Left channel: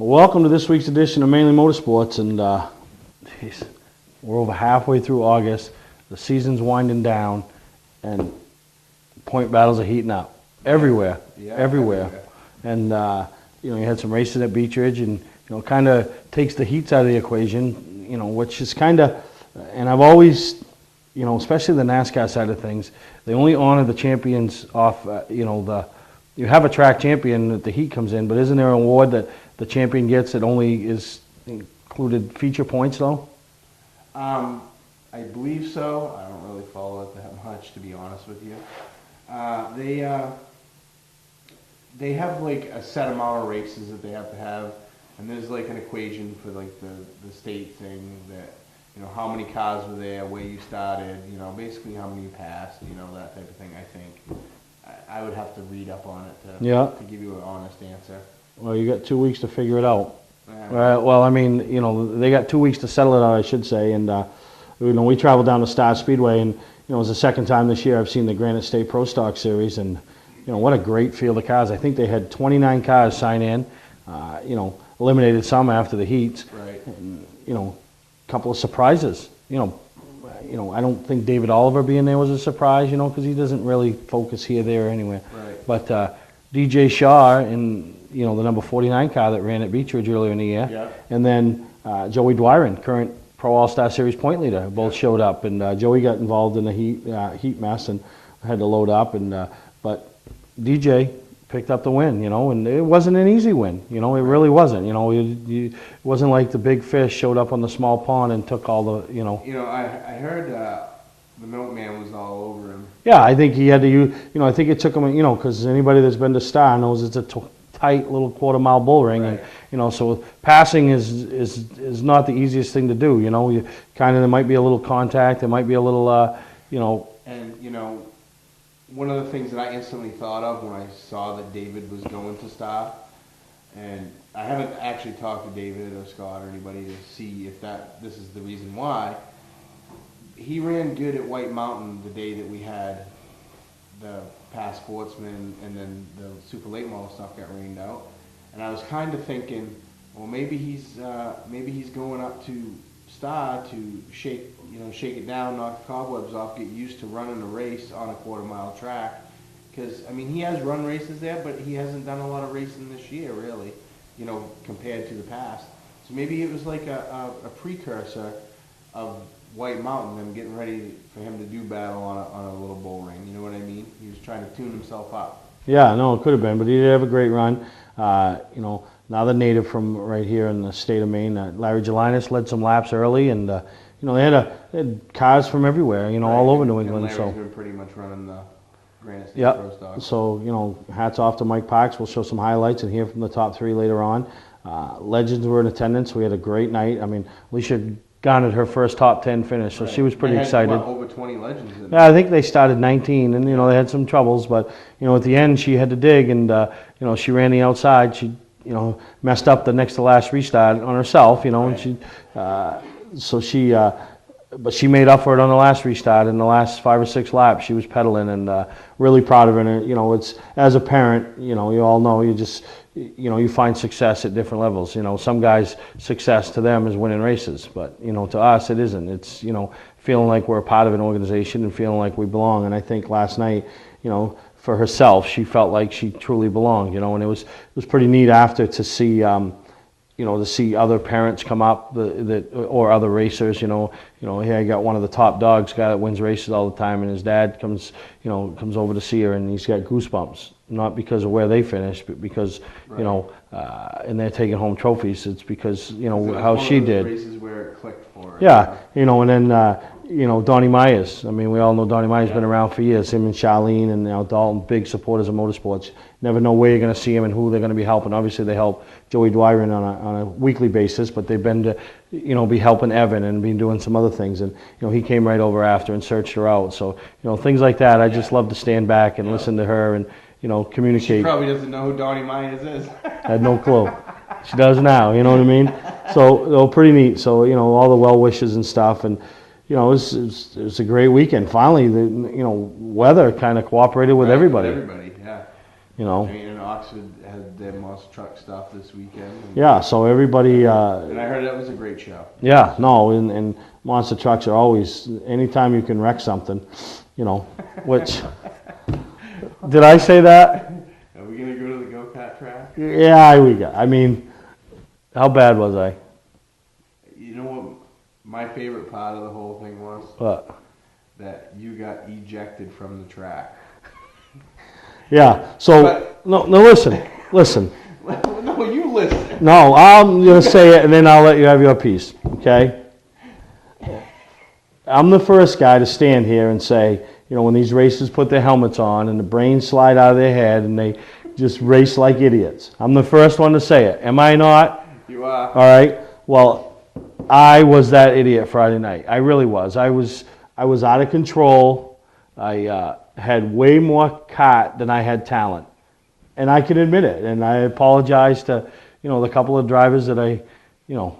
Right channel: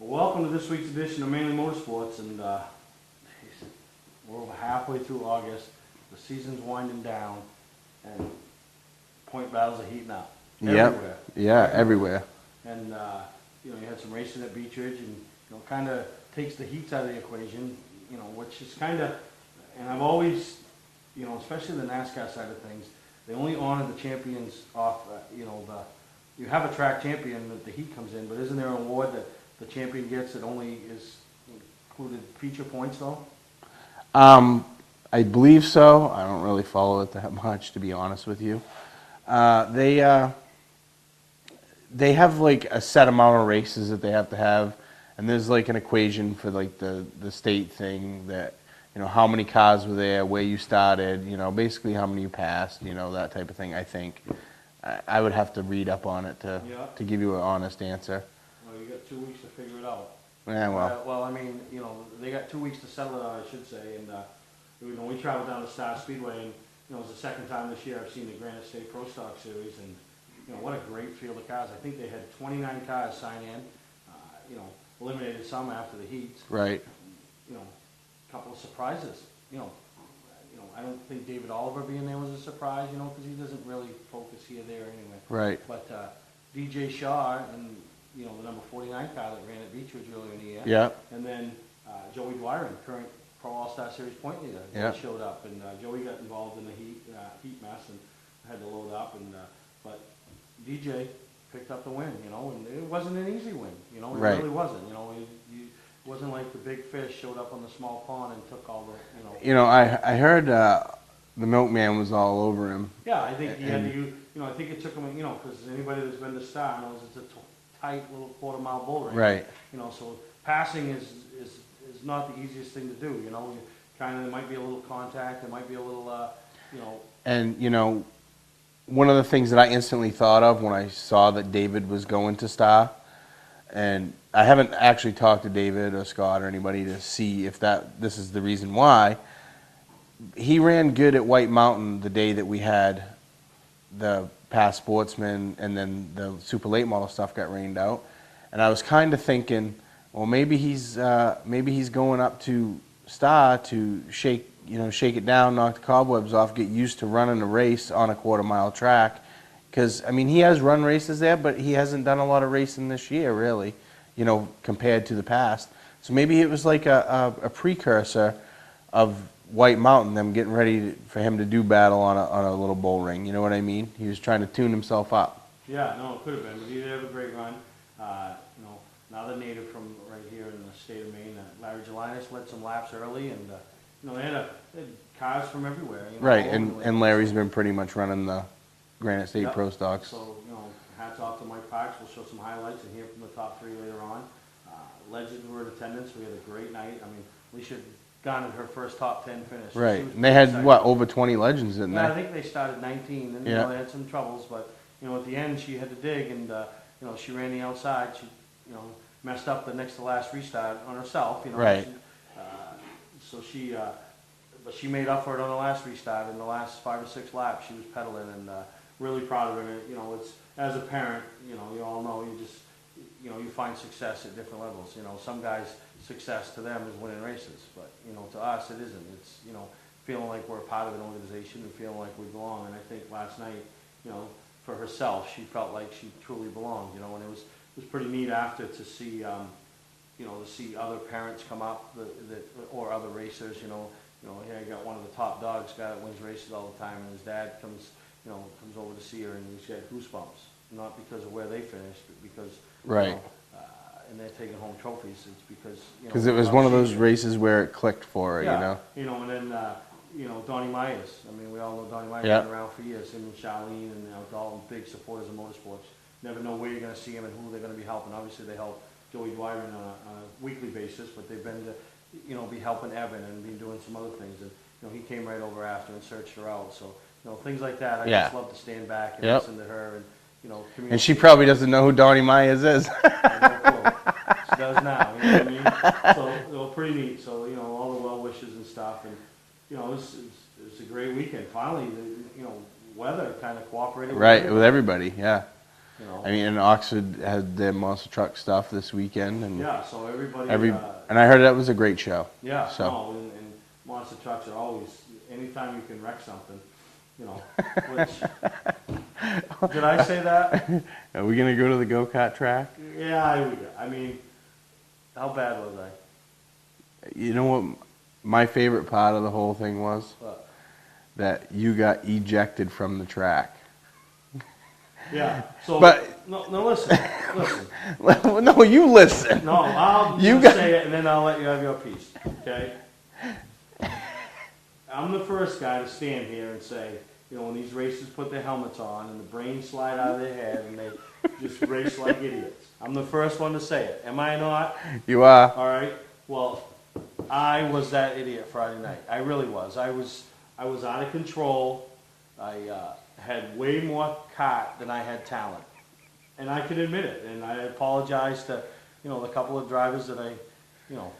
Welcome to this week's edition of Mainly Motorsports, and geez, we're over halfway through August. The season's winding down, and point battles are heating up everywhere. Yeah, everywhere. And you had some races at Beech Ridge, and kind of takes the heats out of the equation. Which is kind of, and I've always, especially the NASCAR side of things, they only honor the champions off. You have a track champion that the heat comes in, but isn't there an award that the champion gets that only is included feature points though? I believe so. I don't really follow it that much, to be honest with you. They have like a set amount of races that they have to have, and there's like an equation for like the state thing that how many cars were there, where you started, basically how many you passed, that type of thing. I think I would have to read up on it to give you an honest answer. Well, you got 2 weeks to figure it out. Yeah, well, I mean, they got 2 weeks to settle it out, I should say. And we traveled down to Star Speedway, and it was the second time this year I've seen the Granite State Pro Stock Series, and what a great field of cars. I think they had 29 cars sign in. Eliminated some after the heats. Right. And, a couple of surprises. I don't think David Oliver being there was a surprise. Because he doesn't really focus here, there, or anywhere. Right. But DJ Shaw in the number 49 car that ran at Beech Ridge earlier in the year. Yeah. And then Joey Dwyron, current Pro All-Star Series point leader, both showed up. And Joey got involved in the heat mess and had to load up. And but DJ picked up the win, and it wasn't an easy win. It really wasn't. It wasn't like the big fish showed up on the small pond and took all the, I heard the milkman was all over him. Yeah, I think he had to use, I think it took him, because anybody that's been to Star knows it's a tight little quarter-mile bull ring. Right. And, so passing is not the easiest thing to do. You kind of, there might be a little contact, there might be a little, And, one of the things that I instantly thought of when I saw that David was going to Star, and I haven't actually talked to David or Scott or anybody to see if this is the reason why. He ran good at White Mountain the day that we had the past sportsman and then the super late model stuff got rained out, and I was kind of thinking, well, maybe he's going up to Star to shake it down, knock the cobwebs off, get used to running a race on a quarter-mile track. Because, he has run races there, but he hasn't done a lot of racing this year, really, compared to the past. So maybe it was like a precursor of White Mountain, them getting ready for him to do battle on a little bull ring. You know what I mean? He was trying to tune himself up. Yeah, no, it could have been, but he did have a great run. Another native from right here in the state of Maine, Larry Gelinas, led some laps early, and they had cars from everywhere, right. all over New England. And Larry's been pretty much running the Granite State Pro Stock. So, hats off to Mike Parks. We'll show some highlights and hear from the top three later on. Legends were in attendance. We had a great night. Alicia garnered her first top 10 finish, so she was pretty excited. They had, over 20 legends in there? Yeah, I think they started 19, and, they had some troubles, but, at the end, she had to dig, and, she ran the outside. She, messed up the next to last restart on herself, Right. But she made up for it on the last restart. In the last 5 or 6 laps, she was pedaling, and really proud of her. And it's, as a parent, you all know, you find success at different levels. Some guys' success to them is winning races, but to us it isn't. It's feeling like we're a part of an organization and feeling like we belong. And I think last night, for herself, she felt like she truly belonged. And it was pretty neat after to see. To see other parents come up or other racers, here I got one of the top dogs, guy that wins races all the time, and his dad comes over to see her, and he's got goosebumps, not because of where they finished, but because, right. And they're taking home trophies. It's because, it was how one she of those did. races where it clicked for her. Yeah, and then, Donnie Myers. We all know Donnie Myers has been around for years. Him and Charlene and Dalton, big supporters of motorsports. Never know where you're going to see him and who they're going to be helping. Obviously, they help Joey Dwyron on a weekly basis, but they've been to, be helping Evan and been doing some other things. And, he came right over after and searched her out. So, things like that, I just love to stand back and listen to her and, communicate. And she probably doesn't know who Donnie Myers is. I had no clue. She does now, you know what I mean? So, pretty neat. So, all the well wishes and stuff. And, it was a great weekend. Finally, the weather kind of cooperated with everybody. With everybody, yeah. You know. I mean, and Oxford had their monster truck stuff this weekend. And Yeah, so everybody. and I heard that was a great show. Yeah, so. no, and monster trucks are always, anytime you can wreck something, you know, which, did I say that? Are we going to go to the go-kart track? Yeah, I mean, how bad was I? You know what my favorite part of the whole thing was? What? That you got ejected from the track. Yeah, so, But- no, listen. No, you listen. No, I'm going to say it and then I'll let you have your piece, okay? I'm the first guy to stand here and say, you know, when these racers put their helmets on and the brains slide out of their head and they just race like idiots. I'm the first one to say it. Am I not? You are. All right. Well, I was that idiot Friday night. I really was. I was out of control. I had way more kart than I had talent. And I can admit it. And I apologize to, you know, the couple of drivers that I, you know,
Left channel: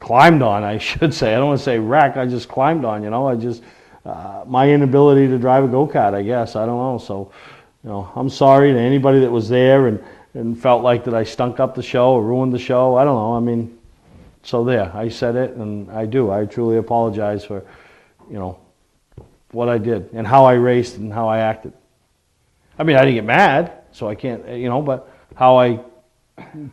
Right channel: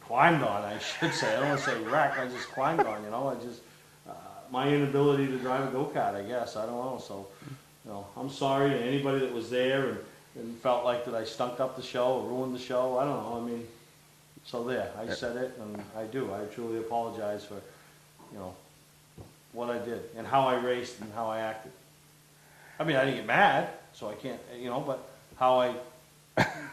climbed on, I should say. I don't want to say wreck. I just climbed on, you know. I just, my inability to drive a go-kart, I guess. I don't know. So, you know, I'm sorry to anybody that was there and felt like that I stunk up the show or ruined the show. I don't know. I mean, so there. I said it, and I do. I truly apologize for, you know, what I did and how I raced and how I acted. I mean, I didn't get mad, so I can't, you know, but how I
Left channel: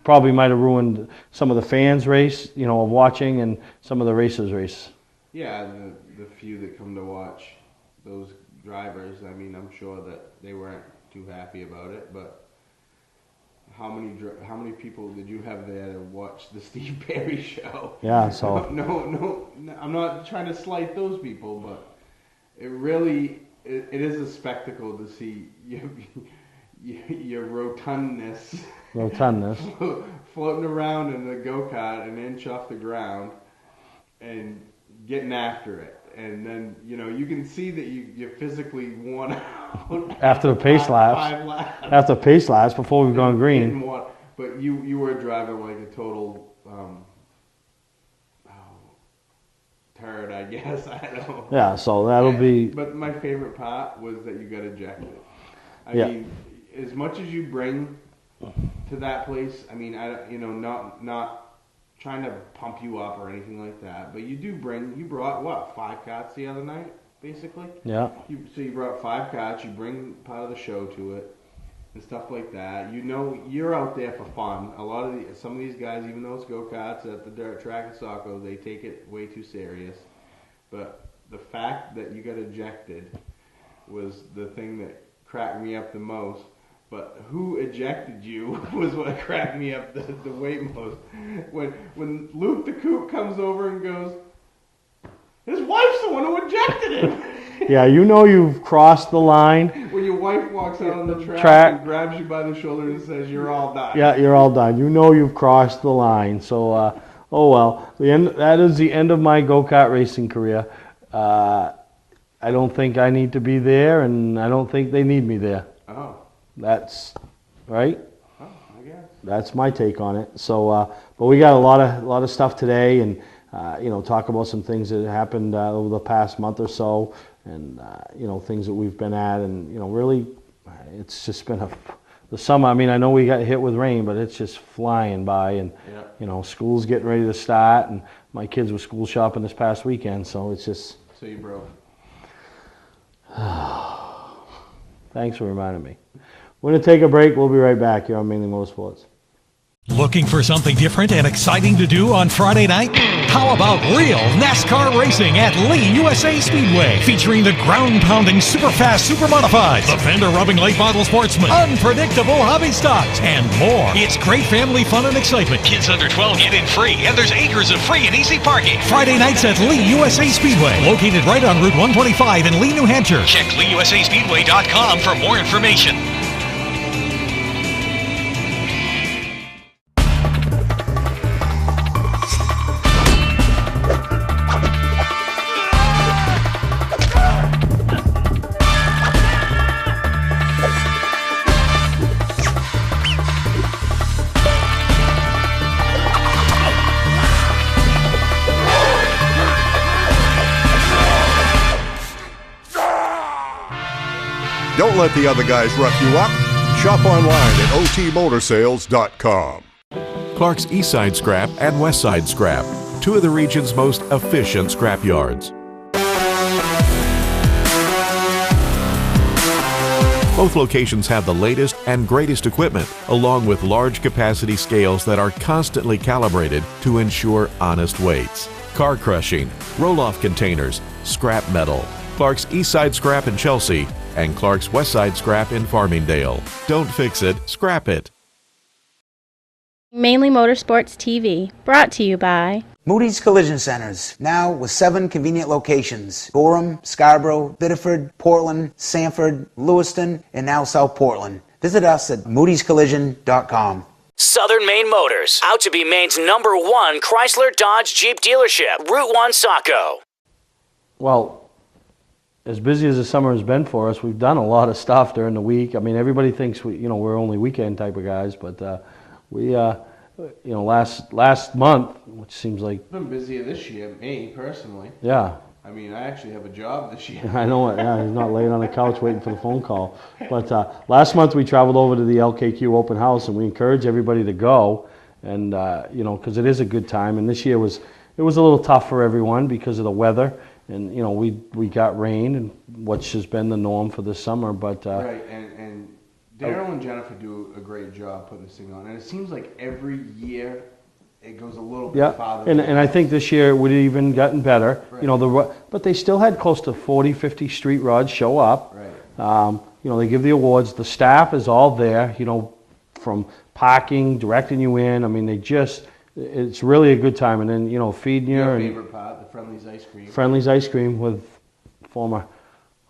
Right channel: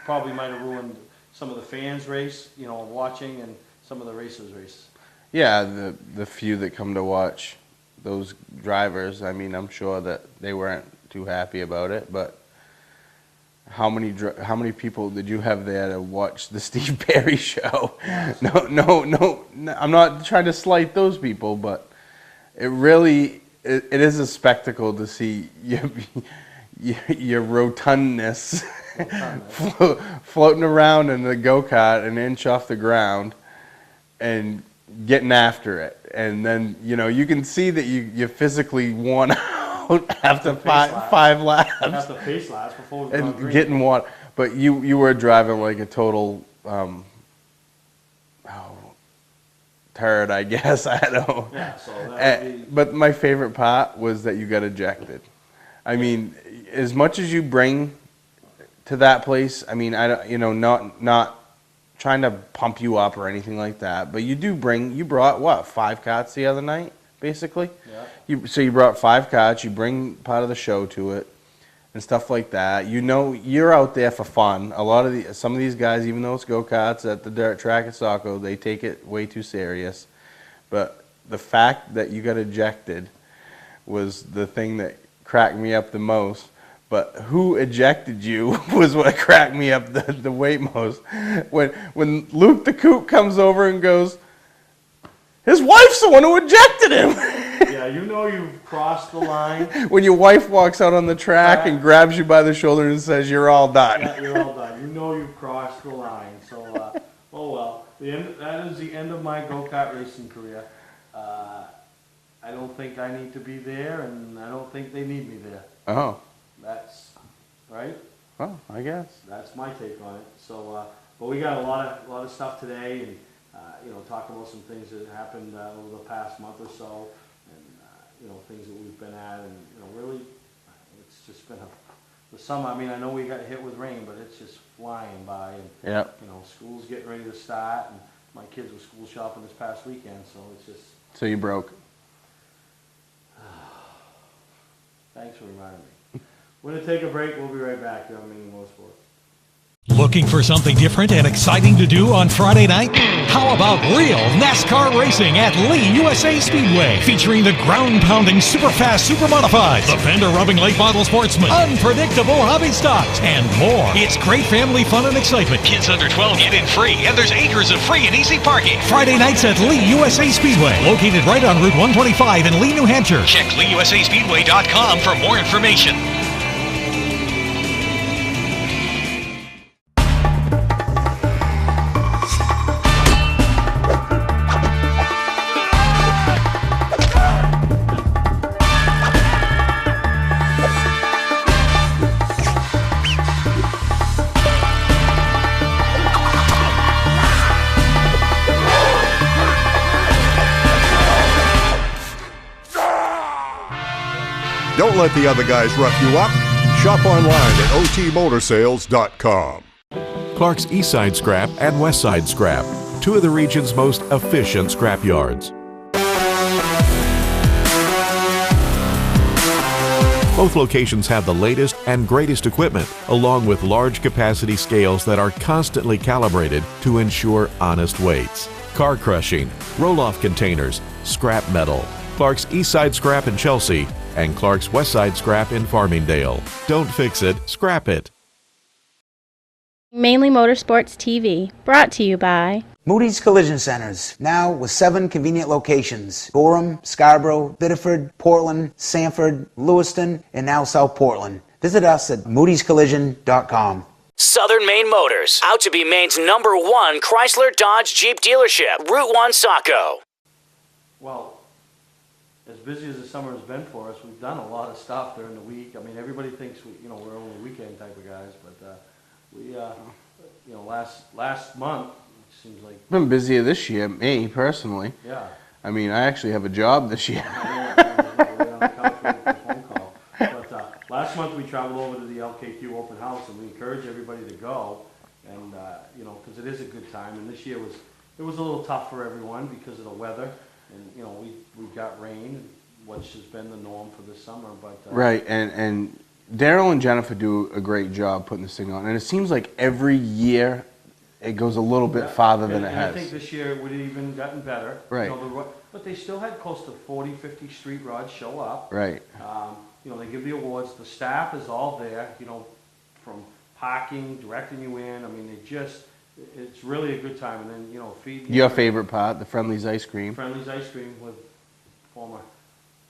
probably might have ruined some of the fans' race, you know, of watching and some of the racers' race. Yeah, the few that come to watch those drivers, I mean, I'm sure that they weren't too happy about it, but how many people did you have there to watch the Steve Perry show? Yeah, so. No, I'm not trying to slight those people, but it really, it is a spectacle to see your rotundness floating around in the go-kart an inch off the ground and getting after it. And then, you know, you can see that you're physically worn out after five laps. After pace laps before we've gone green. Hitting water. But you were driving like a total turd, I guess. I don't know. Yeah, so that'll be... But my favorite part was that you got ejected. I mean, as much as you bring to that place, I mean, not trying to pump you up or anything like that, but you brought what, 5 karts the other night, basically? Yeah. So you brought 5 karts, you bring part of the show to it and stuff like that. You know, you're out there for fun. Some of these guys, even though it's go-karts at the dirt track at Saco, they take it way too serious. But the fact that you got ejected was the thing that cracked me up the most. But who ejected you was what cracked me up the way most. When Luke the Coot comes over and goes, his wife's the one who ejected him. Yeah, you know you've crossed the line. When your wife walks out on the track and grabs you by the shoulder and says, you're all done. Yeah, you're all done. You know you've crossed the line. So, oh well. That is the end of my go-kart racing career. I don't think I need to be there, and I don't think they need me there. Oh. That's right. Oh, I guess. That's my take on it. So, but we got a lot of stuff today, and you know, talk about some things that happened over the past month or so, and you know, things that we've been at, and you know, really, it's just been the summer. I mean, I know we got hit with rain, but it's just flying by, and you know, school's getting ready to start, and my kids were school shopping this past weekend, so it's just. So you broke. Thanks for reminding me. We're going to take a break. We'll be right back here on Mainely Motorsports. Looking for something different and exciting to do on Friday night? How about real NASCAR racing at Lee USA Speedway, featuring the ground-pounding, super-fast, super-modifieds, the fender-rubbing late model sportsman, unpredictable hobby stocks, and more. It's great family fun and excitement. Kids under 12 get in free, and there's acres of free and easy parking. Friday nights at Lee USA Speedway, located right on Route 125 in Lee, New Hampshire. Check LeeUSASpeedway.com for more information. Don't let the other guys rough you up. Shop online at otmotorsales.com. Clark's Eastside Scrap and Westside Scrap, two of the region's most efficient scrap yards. Both locations have the latest and greatest equipment, along with large capacity scales that are constantly calibrated to ensure honest weights. Car crushing, roll-off containers, scrap metal. Clark's Eastside Scrap in Chelsea and Clark's Westside Scrap in Farmingdale. Don't fix it, scrap it. Mainly Motorsports TV, brought to you by Moody's Collision Centers, now with 7 convenient locations: Gorham, Scarborough, Biddeford, Portland, Sanford, Lewiston, and now South Portland. Visit us at moodyscollision.com. Southern Maine Motors, out to be Maine's #1 Chrysler Dodge Jeep dealership, Route 1 Saco. Well, as busy as the summer has been for us, we've done a lot of stuff during the week. I mean, everybody thinks we're only weekend type of guys, but last month, which seems like I've been busier this year, me personally. yeah. I mean, I actually have a job this year. I know it. Yeah, he's not laying on the couch waiting for a phone call. But last month we traveled over to the LKQ open house, and we encourage everybody to go, and because it is a good time. And this year was a little tough for everyone because of the weather, and we got rain, and which has been the norm for this summer. But Right, and Daryl and Jennifer do a great job putting this thing on, and it seems like every year it goes a little bit farther than it and I has. think this year it would have even gotten better. Right. But they still had close to 40, 50 street rods show up. Right. They give the awards. The staff is all there, from parking, directing you in. I mean, it's really a good time. And then, feeding you. Your favorite part, the Friendly's ice cream. Friendly's ice cream with former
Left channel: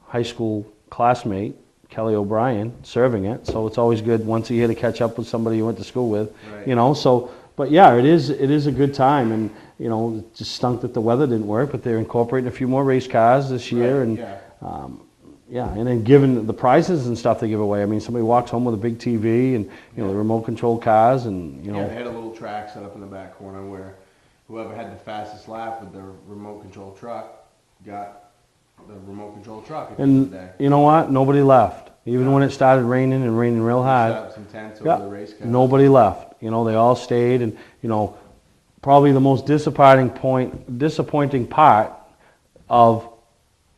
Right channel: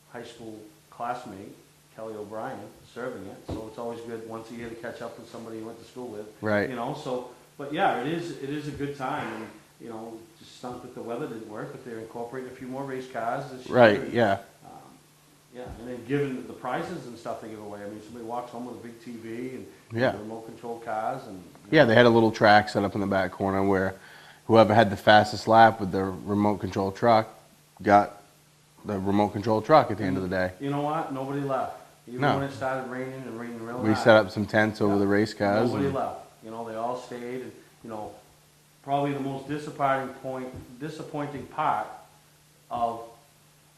high school classmate, Kelly O'Brien, serving it. So it's always good once a year to catch up with somebody you went to school with. Right. But yeah, it is a good time. And, it just stunk that the weather didn't work, but they're incorporating a few more race cars this year. Right, and, yeah. And then given the prizes and stuff they give away. I mean, somebody walks home with a big TV and remote control cars and Yeah, they had a little track set up in the back corner where whoever had the fastest lap with their remote control truck got the remote control truck at the end of the day. You know what? Nobody left. Even No. when it started raining and raining real We hard. set up some tents over the race cars. Nobody left. They all stayed, and probably the most disappointing part of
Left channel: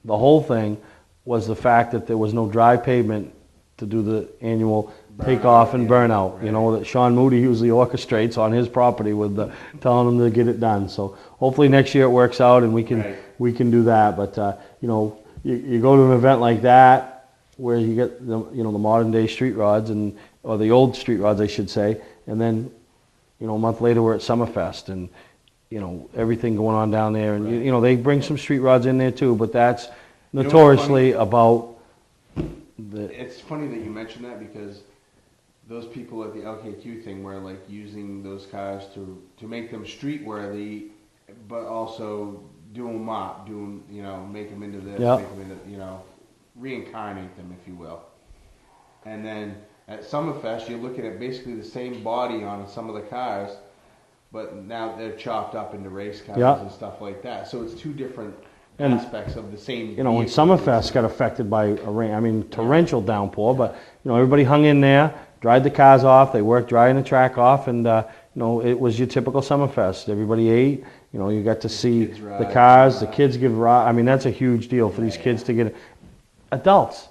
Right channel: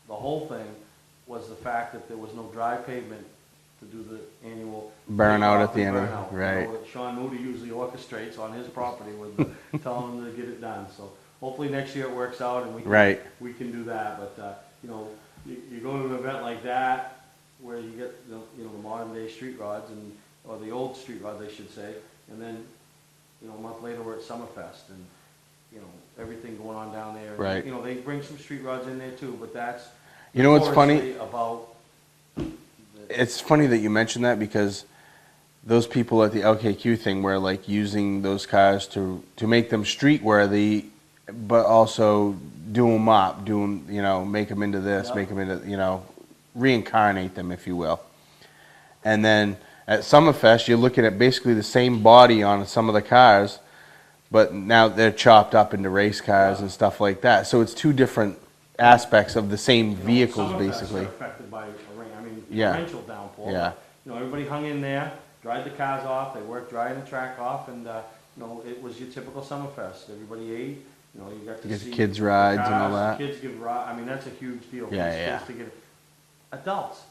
the whole thing was the fact that there was no dry pavement to do the annual Burnout takeoff at the and end, burnout. right. That Sean Moody usually orchestrates on his property with telling them to get it done. So hopefully next year it works out and we can do that. But you go to an event like that where you get the modern day street rods or the old street rods I should say, and then a month later we're at Summerfest and everything going on down there, and Right. they bring some street rods in there too, but that's You know what's notoriously funny? about It's funny that you mention that because those people at the LKQ thing were like using those cars to make them street worthy, but also do them up, make them into this, Yep. make them into, reincarnate them, if you will. And then at Summerfest, you're looking at basically the same body on some of the cars, but now they're chopped up into race cars Yep. and stuff like that. So it's two different aspects of the same when vehicle. Summerfest basically. got affected by a rain, Yeah. torrential downpour, Yeah. but everybody hung in there, dried the cars off, they worked drying the track off, and it was your typical Summerfest. Everybody ate, you got to see kids the rides and cars, all the that. kids give rides. I mean, that's a huge deal for Yeah, these kids yeah. to get. Adults,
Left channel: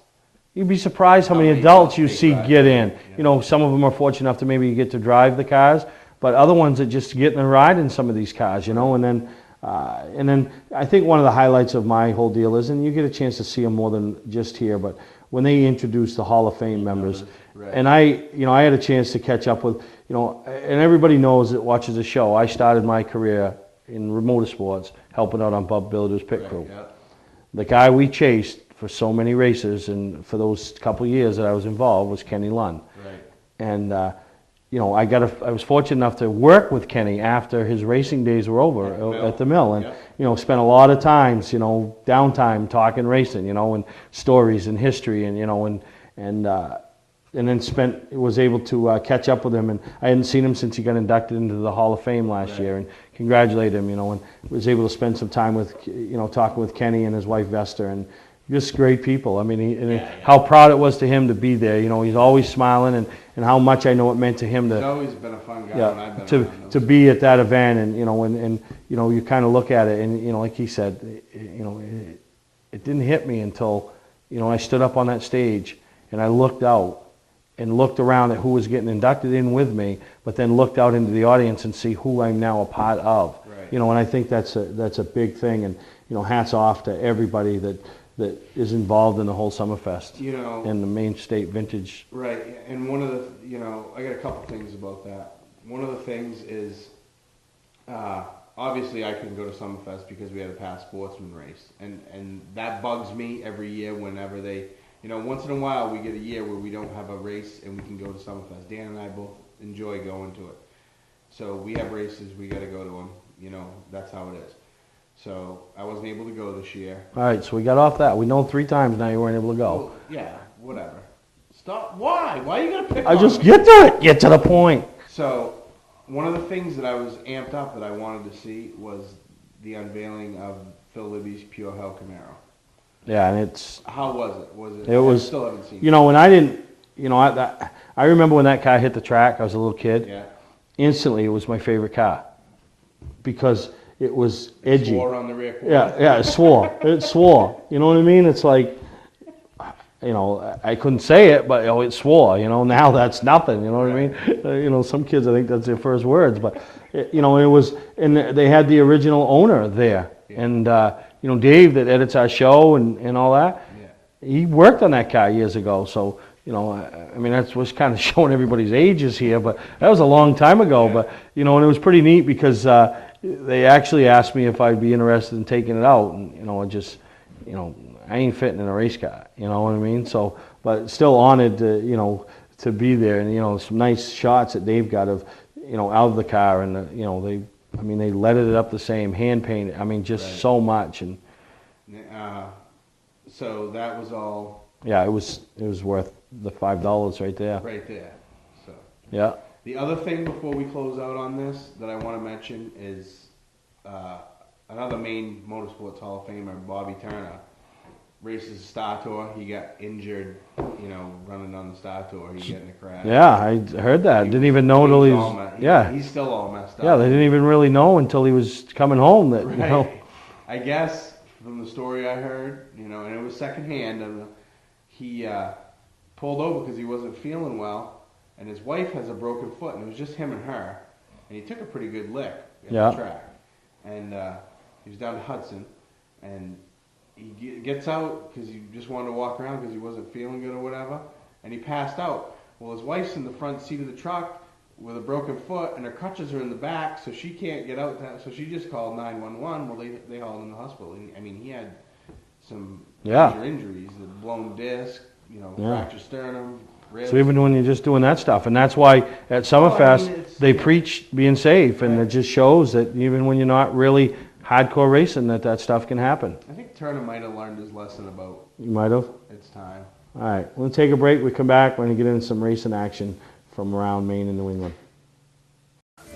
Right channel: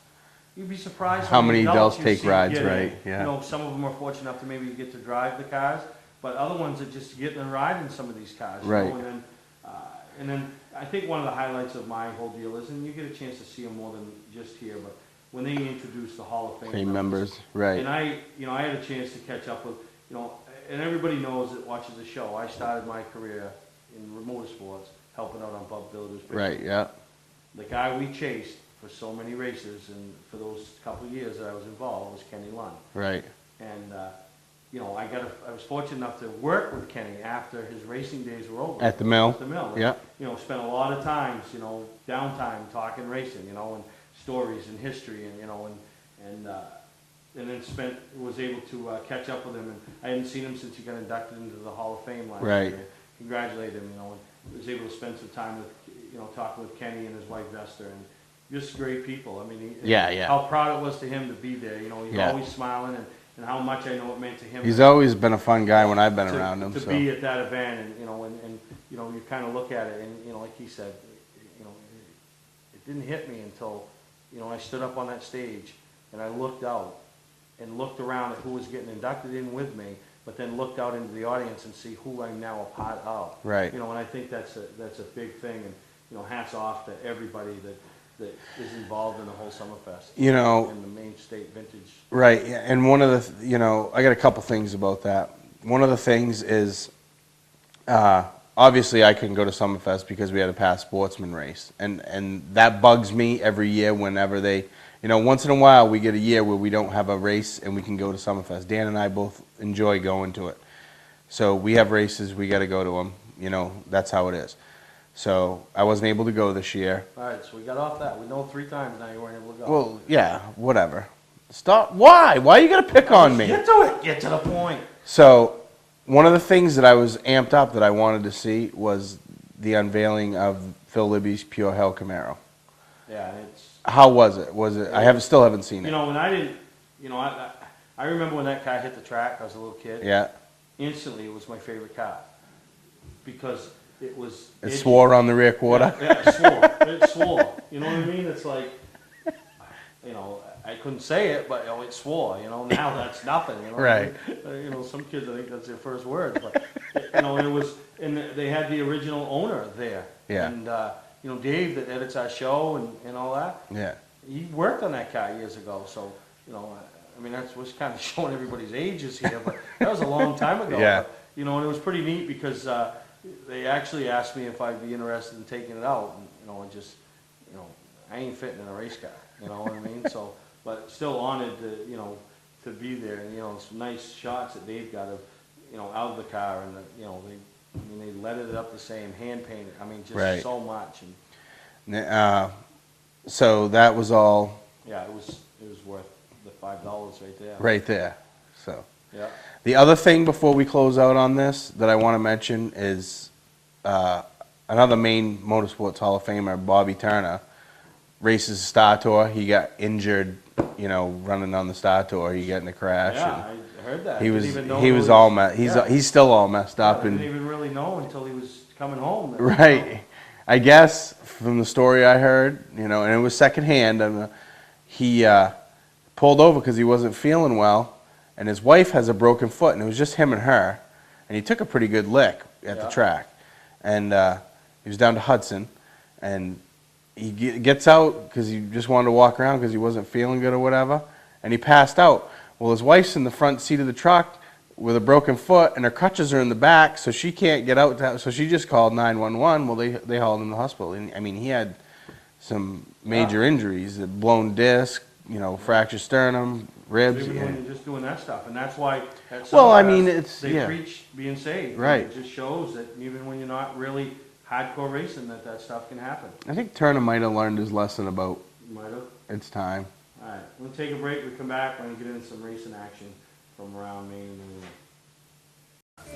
you'd be surprised how, How many many adults adults you take see rides, get right? in. Yeah. Some of them are fortunate enough to maybe get to drive the cars, but other ones that just get in a ride in some of these cars, Right. and then I think one of the highlights of my whole deal is, and you get a chance to see them more than just here, but when they introduce the Hall of Fame members, right. and I had a chance to catch up with, and everybody knows that watches the show. I started my career in motorsports, helping out on Bub Builder's pit crew. Right, yeah. The guy we chased for so many races and for those couple of years that I was involved was Kenny Lund. Right. And I was fortunate enough to work with Kenny after his racing days were over At the mill. and Yeah. spent a lot of times, downtime talking racing, and stories and history, and then was able to catch up with him, and I hadn't seen him since he got inducted into the Hall of Fame last Right. year, and congratulate him, and was able to spend some time with talking with Kenny and his wife Vesta, and just great people. I mean, Yeah. how proud it was to him to be there. You know, he's Yeah. always smiling, and how much I know it meant to him. He's always been a fun guy when I've been around him. To be at that event, and you know, you kind of look at it, and like he said, you know, it didn't hit me until, you know, I stood up on that stage and I looked out and looked around at who was getting inducted in with me, but then looked out into the audience and see who I'm now a part of. Right. You know, and I think that's a big thing, and you know, hats off to everybody that is involved in the whole Summerfest. You know, and the Main State Vintage. Right, and one of the, you know, I got a couple things about that. One of the things is, obviously I couldn't go to Summerfest because we had a past sportsman race, and that bugs me every year whenever they, you know, once in a while we get a year where we don't have a race and we can go to Summerfest. Dan and I both enjoy going to it. So we have races, we got to go to them. You know, that's how it is. So I wasn't able to go this year. All right, so we got off that. We know 3 times now you weren't able to go. Well, yeah, whatever. Stop. Why? Why you got to pick on me? Get to it. Get to the point. So one of the things that I was amped up that I wanted to see was the unveiling of Phil Libby's Pure Hell Camaro. Yeah, and it's... How was it? Still haven't seen it. You know, when I didn't... You know, I remember when that car hit the track. I was a little kid. Yeah. Instantly, it was my favorite car. Because it was edgy. It swore on the rear quarter. Yeah, it swore. It swore. You know what I mean? It's like... You know, I couldn't say it, but it swore. You know, now that's nothing. You know what I mean? You know, some kids, I think that's their first words. But you know, it was, and they had the original owner there, and you know, Dave that edits our show and all that. Yeah, he worked on that car years ago. So you know, I mean, that's was kind of showing everybody's ages here, but that was a long time ago. Yeah. But you know, and it was pretty neat because they actually asked me if I'd be interested in taking it out, and you know, I just, you know, I ain't fitting in a race car, you know what I mean? So, but still honored to, you know, to be there, and you know, some nice shots that they've got of, you know, out of the car, and you know, they leaded it up the same, hand painted. I mean, just so much, and so that was all. Yeah, it was worth the $5 right there. Right there. So yeah. The other thing before we close out on this that I want to mention is another Maine Motorsports Hall of Famer, Bobby Turner. Races Star Tour. He got injured, you know, running on the Star Tour. He got in a crash. Yeah, I heard that. Didn't even know. He was all messed. He's still all messed up. Yeah, they didn't even really know until he was coming home. That, right. You know. I guess from the story I heard, you know, and it was secondhand. And he pulled over because he wasn't feeling well, and his wife has a broken foot, and it was just him and her, and he took a pretty good lick at the track, and he was down to Hudson, and he gets out because he just wanted to walk around because he wasn't feeling good or whatever, and he passed out. Well, his wife's in the front seat of the truck with a broken foot, and her crutches are in the back, so she can't get out. So she just called 911. Well, they hauled him to the hospital. And, I mean, he had some major injuries, a blown disc, you know, fractured sternum, ribs. So even when you're just doing that stuff, and that's why at Summerfest they preach being safe, and it just shows that even when you're not really hardcore racing, that stuff can happen. I think Turner might have learned his lesson about. You might have. It's time. All right, we're gonna take a break. We come back. We're gonna get into some racing action from around Maine and New England.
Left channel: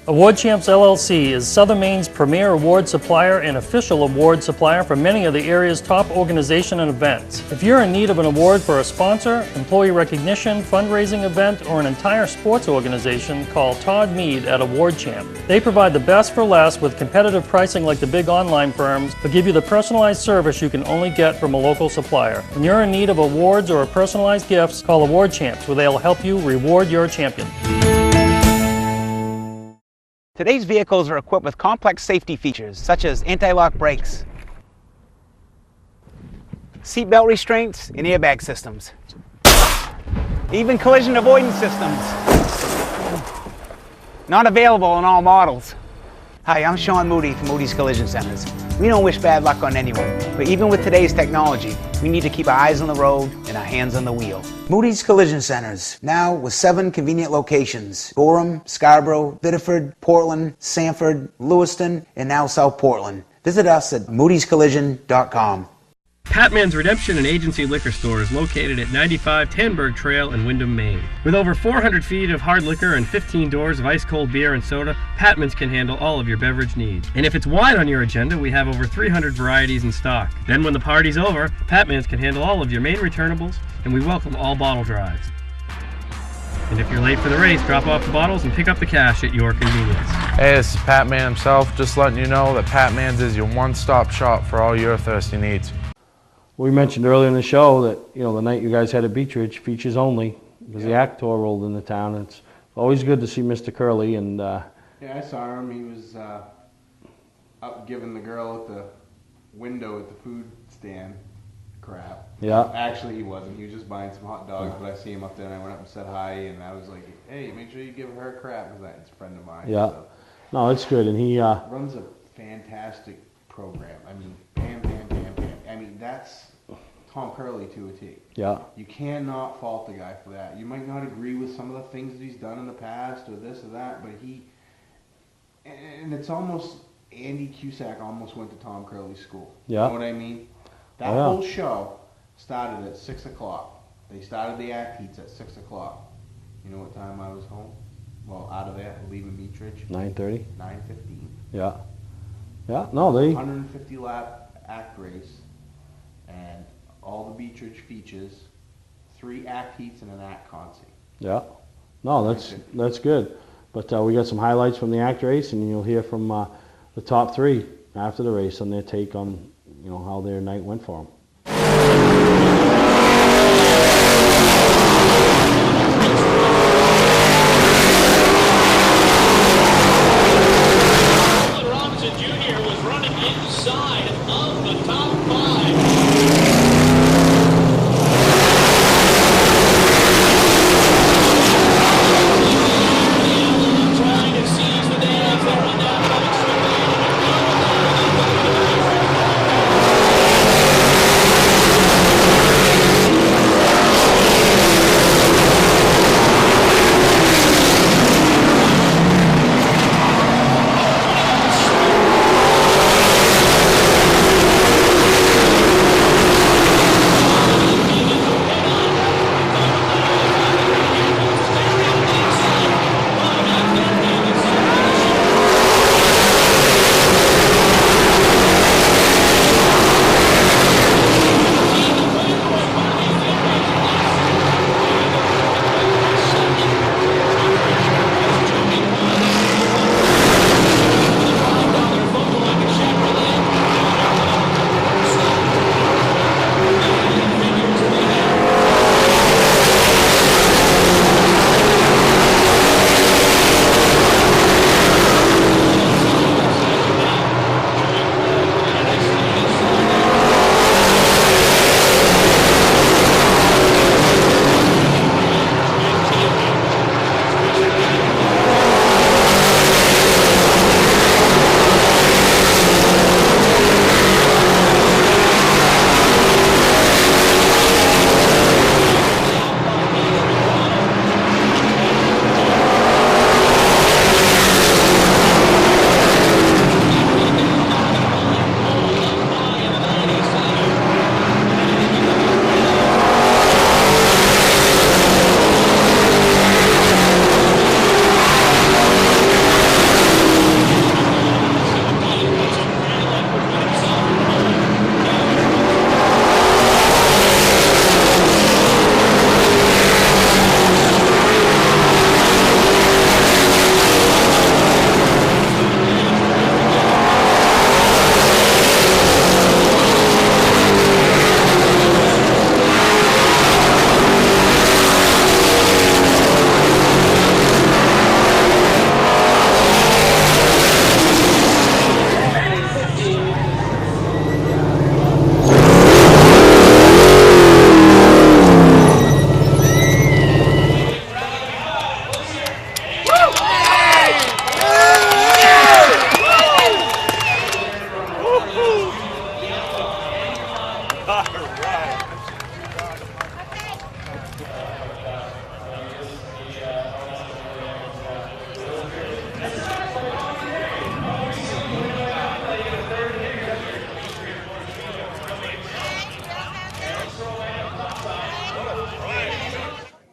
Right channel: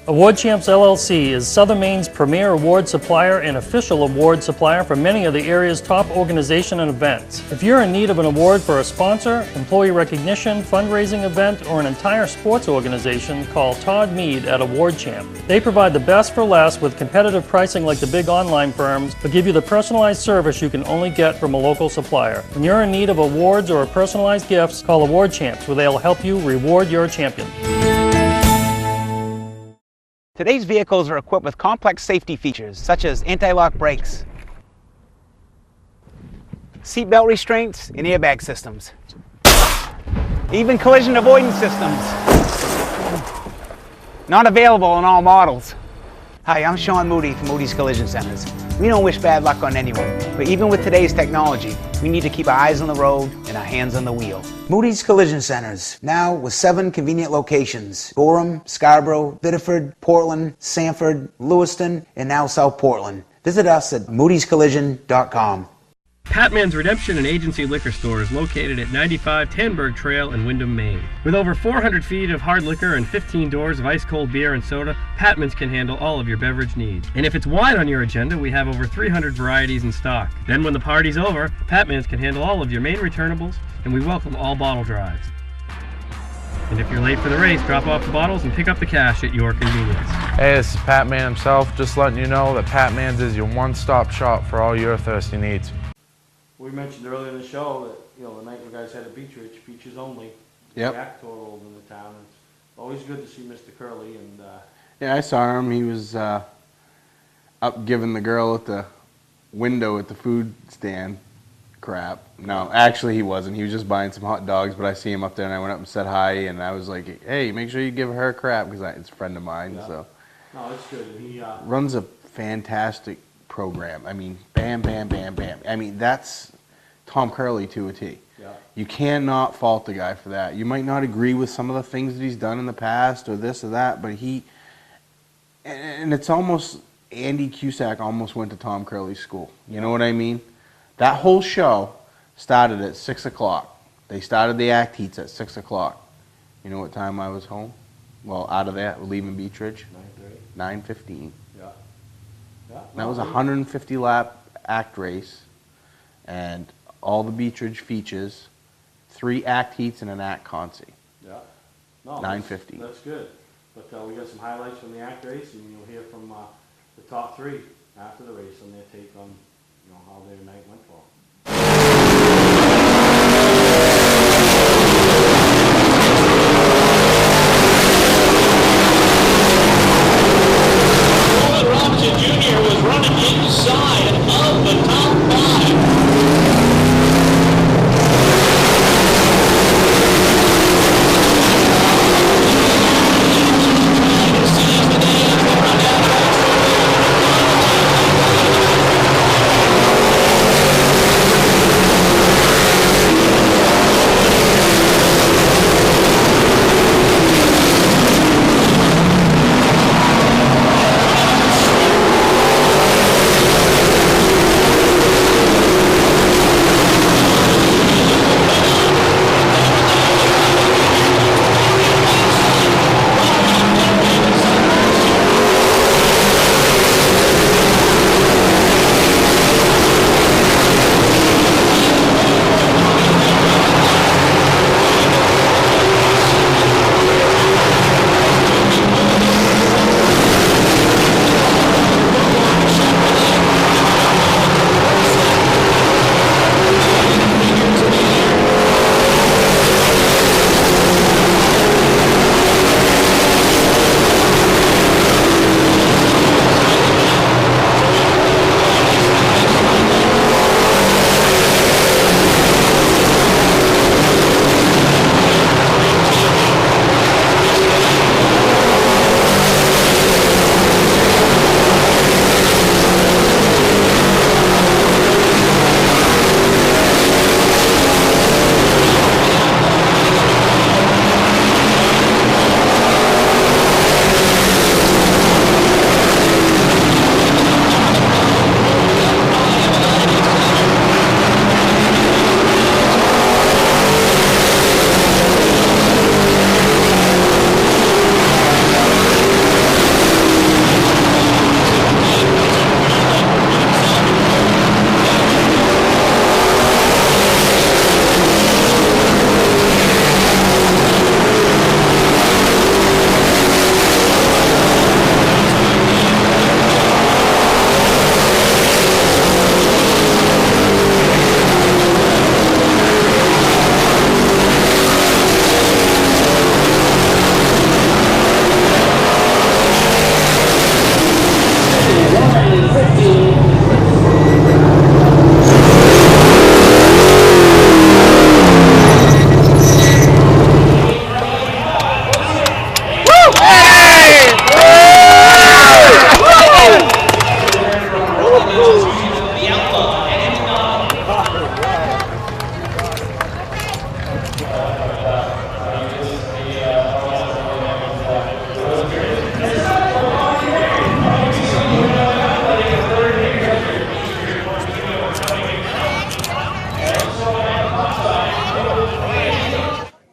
Award Champs LLC is Southern Maine's premier award supplier and official award supplier for many of the area's top organizations and events. If you're in need of an award for a sponsor, employee recognition, fundraising event, or an entire sports organization, call Todd Mead at Award Champ. They provide the best for less with competitive pricing like the big online firms, but give you the personalized service you can only get from a local supplier. When you're in need of awards or personalized gifts, call Award Champs, where they'll help you reward your champion. Today's vehicles are equipped with complex safety features such as anti-lock brakes, seatbelt restraints, and airbag systems. Even collision avoidance systems. Not available in all models. Hi, I'm Sean Moody from Moody's Collision Centers. We don't wish bad luck on anyone, but even with today's technology, we need to keep our eyes on the road and our hands on the wheel. Moody's Collision Centers, now with 7 convenient locations: Gorham, Scarborough, Biddeford, Portland, Sanford, Lewiston, and now South Portland. Visit us at moodyscollision.com. Patman's Redemption and Agency Liquor Store is located at 95 Tanberg Trail in Windham, Maine. With over 400 feet of hard liquor and 15 doors of ice-cold beer and soda, Patman's can handle all of your beverage needs. And if it's wine on your agenda, we have over 300 varieties in stock. Then when the party's over, Patman's can handle all of your Maine returnables, and we welcome all bottle drives. And if you're late for the race, drop off the bottles and pick up the cash at your convenience. Hey, this is Pat Man himself, just letting you know that Pat Man's is your one-stop shop for all your thirsty needs. We mentioned earlier in the show that, you know, the night you guys had at Beach Ridge, features only, the Yep. Yak Tour rolled into town. It's always good to see Mr. Curley, and Yeah, I saw him. He was up giving the girl at the window at the food stand crap. No, Yeah. actually he wasn't. He was just buying some hot dogs, but I see him up there and I went up and said hi, and I was like, hey, make sure you give her crap, because it's a friend of mine. Yeah. So. No, it's good, and he runs a fantastic program. I mean, bam, bam, bam, bam. I mean, that's Tom Curley to a T. Yeah. You cannot fault the guy for that. You might not agree with some of the things that he's done in the past or this or that, but and it's almost, Andy Cusack almost went to Tom Curley's school. You Yeah. know what I mean? That Yeah. whole show started at 6 o'clock. They started the act heats at 6 o'clock. You know what time I was home? Well, out of there, leaving Beach Ridge. 9:30. 9:15. Yeah. Yeah. That No, was a they 150 lap act race, and all the Beach Ridge features, 3 act heats and an act consi. Yeah. No, that's 9:50. that's good. But we got some highlights from the act race, and you'll hear from the top 3 after the race on their take on, you know, how their night went for them. Robinson Jr. was running inside of the top 5.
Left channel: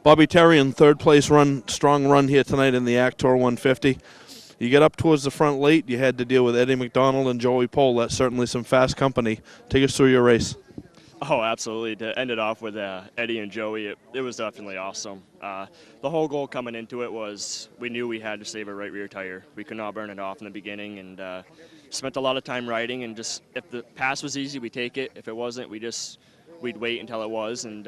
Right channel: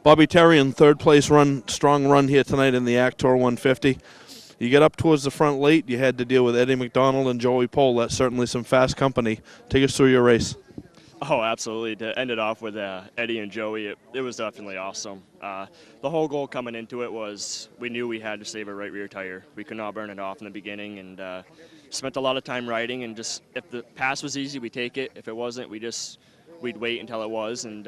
Bobby Terry in third place run, strong run here tonight in the Actor 150. You get up towards the front late, you had to deal with Eddie McDonald and Joey Pohl. That's certainly some fast company. Take us through your race. Oh, absolutely. To end it off with Eddie and Joey, it was definitely awesome. The whole goal coming into it was we knew we had to save a right rear tire. We could not burn it off in the beginning, and spent a lot of time riding, and just if the pass was easy, we'd take it. If it wasn't, we'd wait until it was. And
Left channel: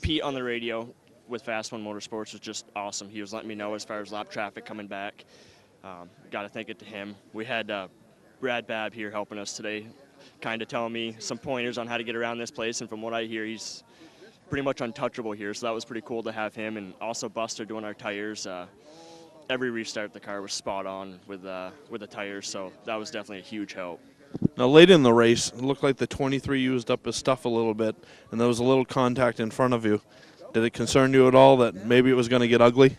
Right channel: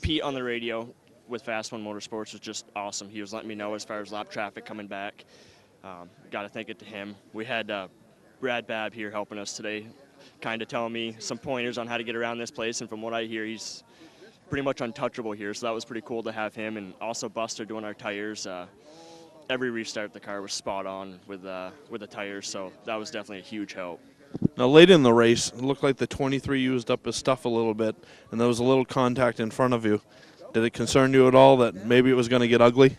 Pete on the radio with Fast One Motorsports was just awesome. He was letting me know as far as lap traffic coming back. Got to thank it to him. We had Brad Babb here helping us today, kind of telling me some pointers on how to get around this place, and from what I hear, he's pretty much untouchable here, so that was pretty cool to have him. And also Buster doing our tires. Every restart the car was spot on with the tires, so that was definitely a huge help. Now late in the race, it looked like the 23 used up his stuff a little bit, and there was a little contact in front of you. Did it concern you at all that maybe it was going to get ugly?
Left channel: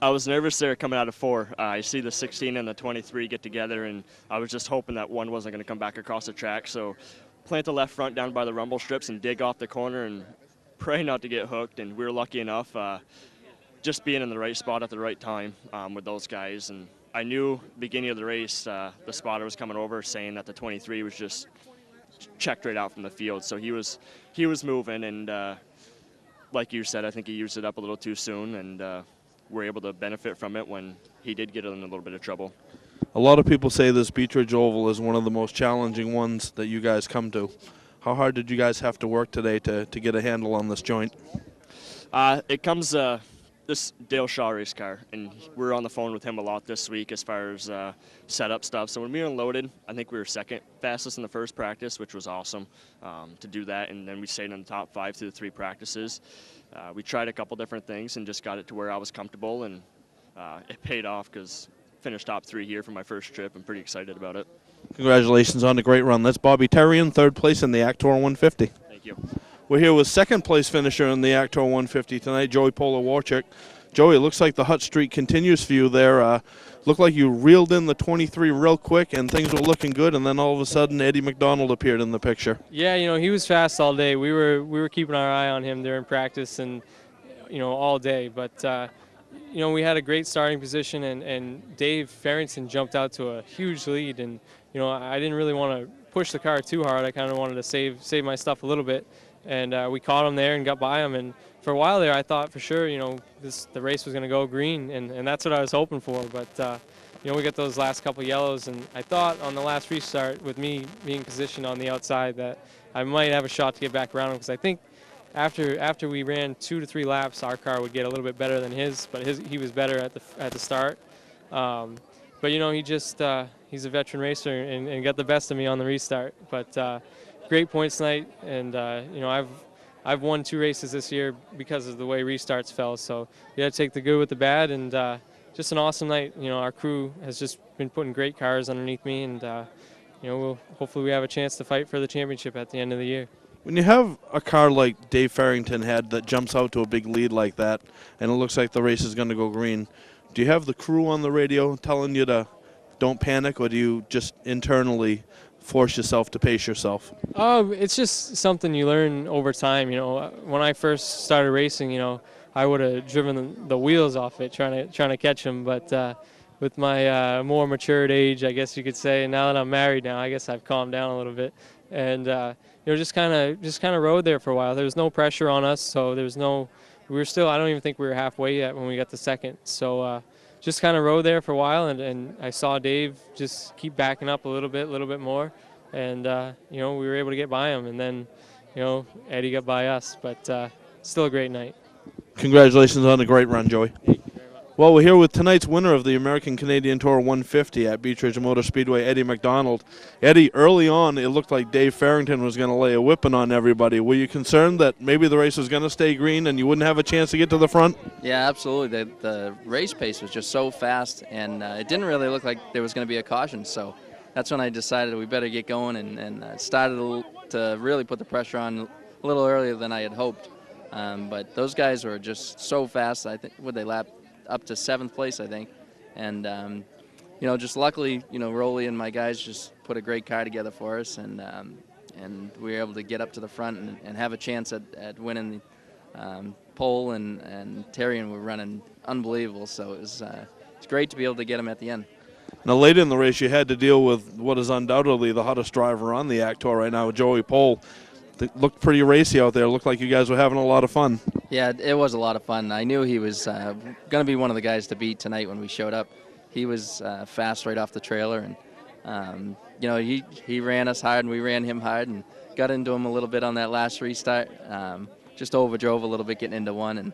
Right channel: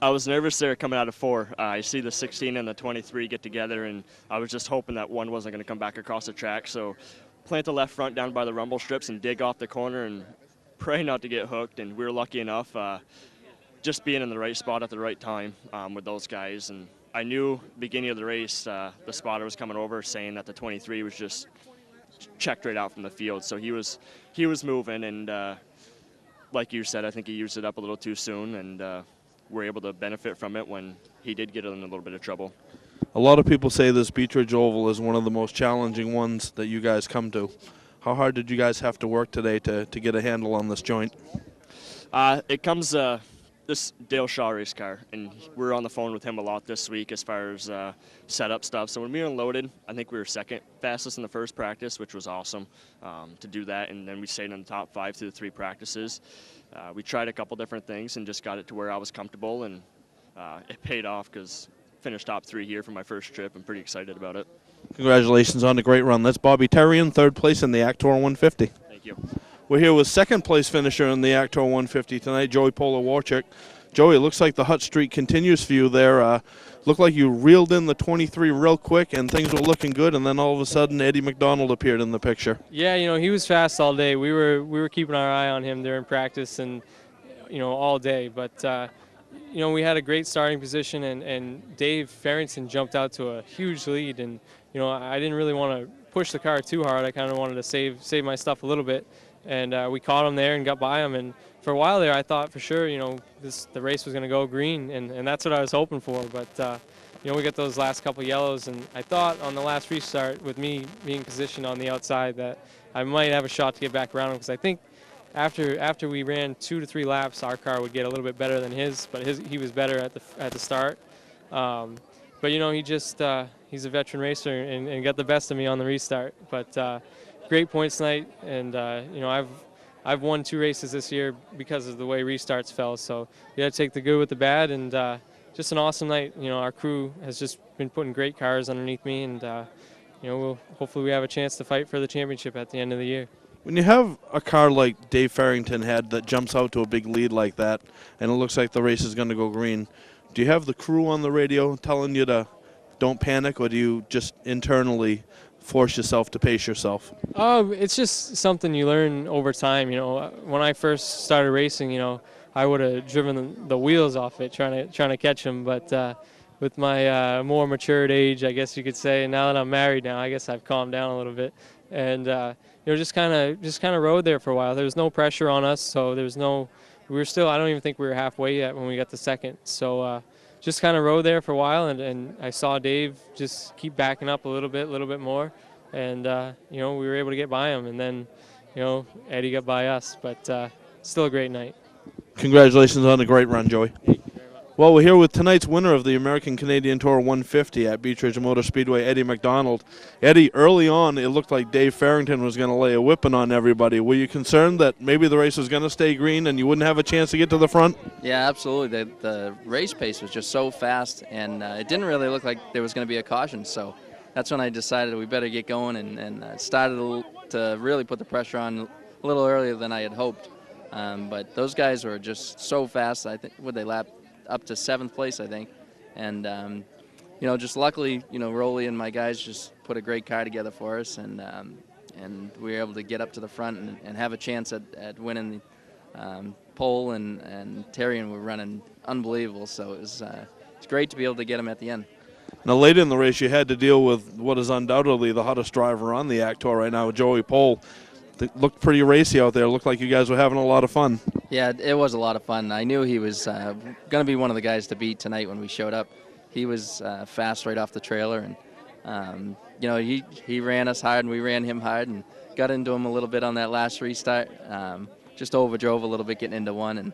I was nervous there coming out of 4. I see the 16 and the 23 get together, and I was just hoping that one wasn't going to come back across the track. So plant the left front down by the rumble strips and dig off the corner and pray not to get hooked. And we were lucky enough just being in the right spot at the right time with those guys. And I knew beginning of the race the spotter was coming over saying that the 23 was just checked right out from the field. So he was moving, and like you said, I think he used it up a little too soon, and we're able to benefit from it when he did get in a little bit of trouble. A lot of people say this Beach Ridge Oval is one of the most challenging ones that you guys come to. How hard did you guys have to work today to get a handle on this joint? It comes this Dale Shaw race car, and we're on the phone with him a lot this week as far as setup stuff. So when we unloaded, I think we were second fastest in the first practice, which was awesome to do that, and then we stayed in the top 5 through the 3 practices. We tried a couple different things and just got it to where I was comfortable, and it paid off because finished top 3 here for my first trip. I'm pretty excited about it. Congratulations on the great run. That's Bobby Terry in third place in the Actor 150. Thank you. We're here with second place finisher in the Actor 150 tonight, Joey Pohl Warchick. Joey, it looks like the hot streak continues for you there. Looked like you reeled in the 23 real quick and things were looking good, and then all of a sudden Eddie McDonald appeared in the picture. Yeah, he was fast all day. We were keeping our eye on him during practice and all day. But we had a great starting position, and Dave Farrington jumped out to a huge lead. And I didn't really want to push the car too hard. I kind of wanted to save my stuff a little bit, and we caught him there and got by him. And for a while there, I thought for sure the race was going to go green, and that's what I was hoping for. But we got those last couple yellows, and I thought on the last restart with me being positioned on the outside that I might have a shot to get back around him, because I think after we ran 2 to 3 laps, our car would get a little bit better than his, but he was better at the start. But he's a veteran racer and got the best of me on the restart. But great points tonight, and I've won 2 races this year because of the way restarts fell. So you got to take the good with the bad, and just an awesome night. Our crew has just been putting great cars underneath me, and hopefully we have a chance to fight for the championship at the end of the year. When you have a car like Dave Farrington had that jumps out to a big lead like that, and it looks like the race is going to go green, do you have the crew on the radio telling you to don't panic, or do you just internally force yourself to pace yourself? It's just something you learn over time. When I first started racing, I would have driven the wheels off it trying to catch them. But with my more matured age, I guess you could say, now that I'm married now, I guess I've calmed down a little bit, and just kind of rode there for a while. There was no pressure on us, so we were still. I don't even think we were halfway yet when we got to second. So just kind of rode there for a while, and I saw Dave just keep backing up a little bit more, and we were able to get by him, and then Eddie got by us. But still a great night. Congratulations on a great run, Joey. Well, we're here with tonight's winner of the American Canadian Tour 150 at Beach Ridge Motor Speedway, Eddie McDonald. Eddie, early on, it looked like Dave Farrington was going to lay a whipping on everybody. Were you concerned that maybe the race was going to stay green and you wouldn't have a chance to get to the front? Yeah, absolutely. The race pace was just so fast, and it didn't really look like there was going to be a caution. So that's when I decided we better get going, and started to really put the pressure on a little earlier than I had hoped. But those guys were just so fast. I think they lapped up to 7th place, I think, and just luckily, Rolly and my guys just put a great car together for us, and we were able to get up to the front and have a chance at winning Pole and Terrian were running unbelievable, so it's great to be able to get them at the end. Now, late in the race, you had to deal with what is undoubtedly the hottest driver on the ACT Tour right now, Joey Pole. It looked pretty racy out there. It looked like you guys were having a lot of fun. Yeah, it was a lot of fun. I knew he was going to be one of the guys to beat tonight when we showed up. He was fast right off the trailer, and he ran us hard, and we ran him hard, and got into him a little bit on that last restart. Just overdrove a little bit getting into one,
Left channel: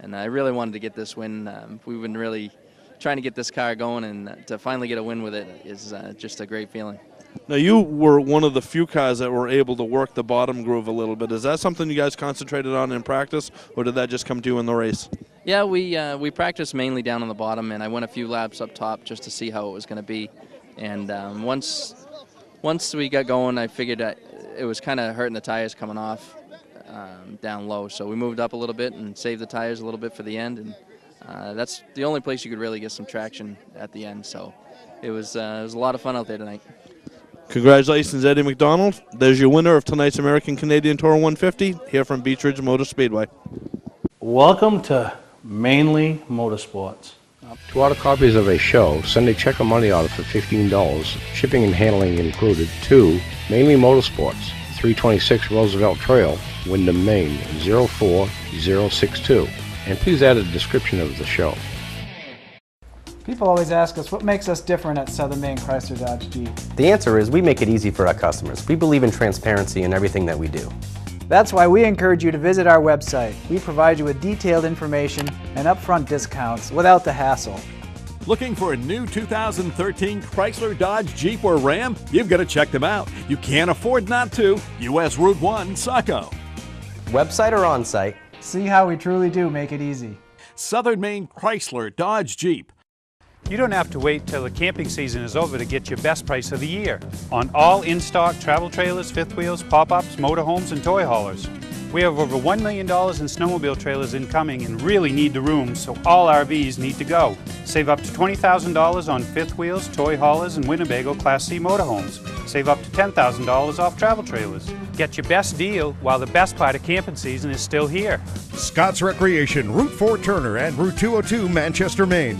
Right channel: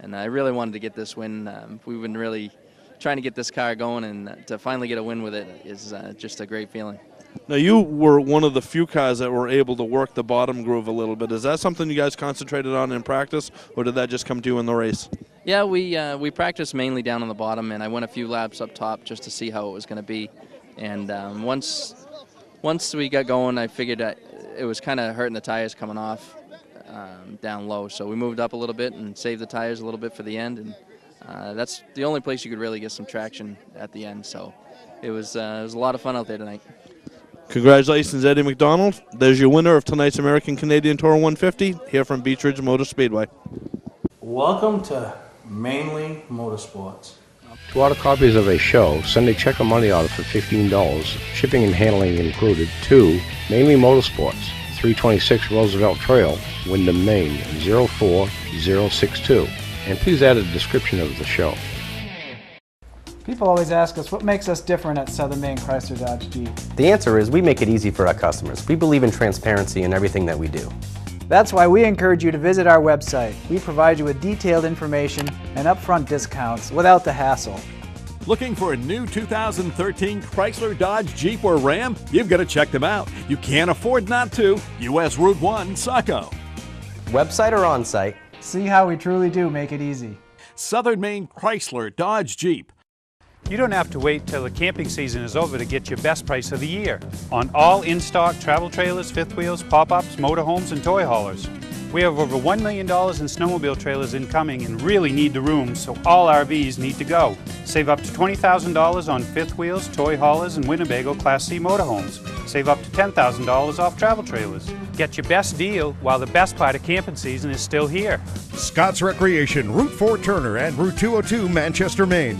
and I really wanted to get this win. We've been really trying to get this car going, and to finally get a win with it is just a great feeling. Now, you were one of the few cars that were able to work the bottom groove a little bit. Is that something you guys concentrated on in practice, or did that just come to you in the race? Yeah, we practiced mainly down on the bottom, and I went a few laps up top just to see how it was going to be. And once we got going, I figured that it was kind of hurting the tires coming off down low. So we moved up a little bit and saved the tires a little bit for the end, and that's the only place you could really get some traction at the end. So it was a lot of fun out there tonight. Congratulations, Eddie McDonald. There's your winner of tonight's American Canadian Tour 150 here from Beech Ridge Motor Speedway. Welcome to Mainely Motorsports. To order copies of a show, send a check or money order for $15, shipping and handling included, to Mainely Motorsports, 326 Roosevelt Trail, Windham, Maine, 04062. And please add a description of the show. People always ask us what makes us different at Southern Maine Chrysler Dodge Jeep. The answer is we make it easy for our customers. We believe in transparency in everything that we do. That's why we encourage you to visit our website. We provide you with detailed information and upfront discounts without the hassle. Looking for a new 2013 Chrysler, Dodge, Jeep, or Ram? You've got to check them out. You can't afford not to. US Route 1, Saco. Website or on-site? See how we truly do make it easy. Southern Maine Chrysler, Dodge, Jeep. You don't have to wait till the camping season is over to get your best price of the year on all in-stock travel trailers, fifth wheels, pop-ups, motorhomes, and toy haulers. We have over $1 million in snowmobile trailers incoming and really need the room, so all RVs need to go. Save up to $20,000 on fifth wheels, toy haulers, and Winnebago Class C motorhomes. Save up to $10,000 off travel trailers. Get your best deal while the best part of camping season is still here. Scott's Recreation, Route 4 Turner and Route 202 Manchester, Maine.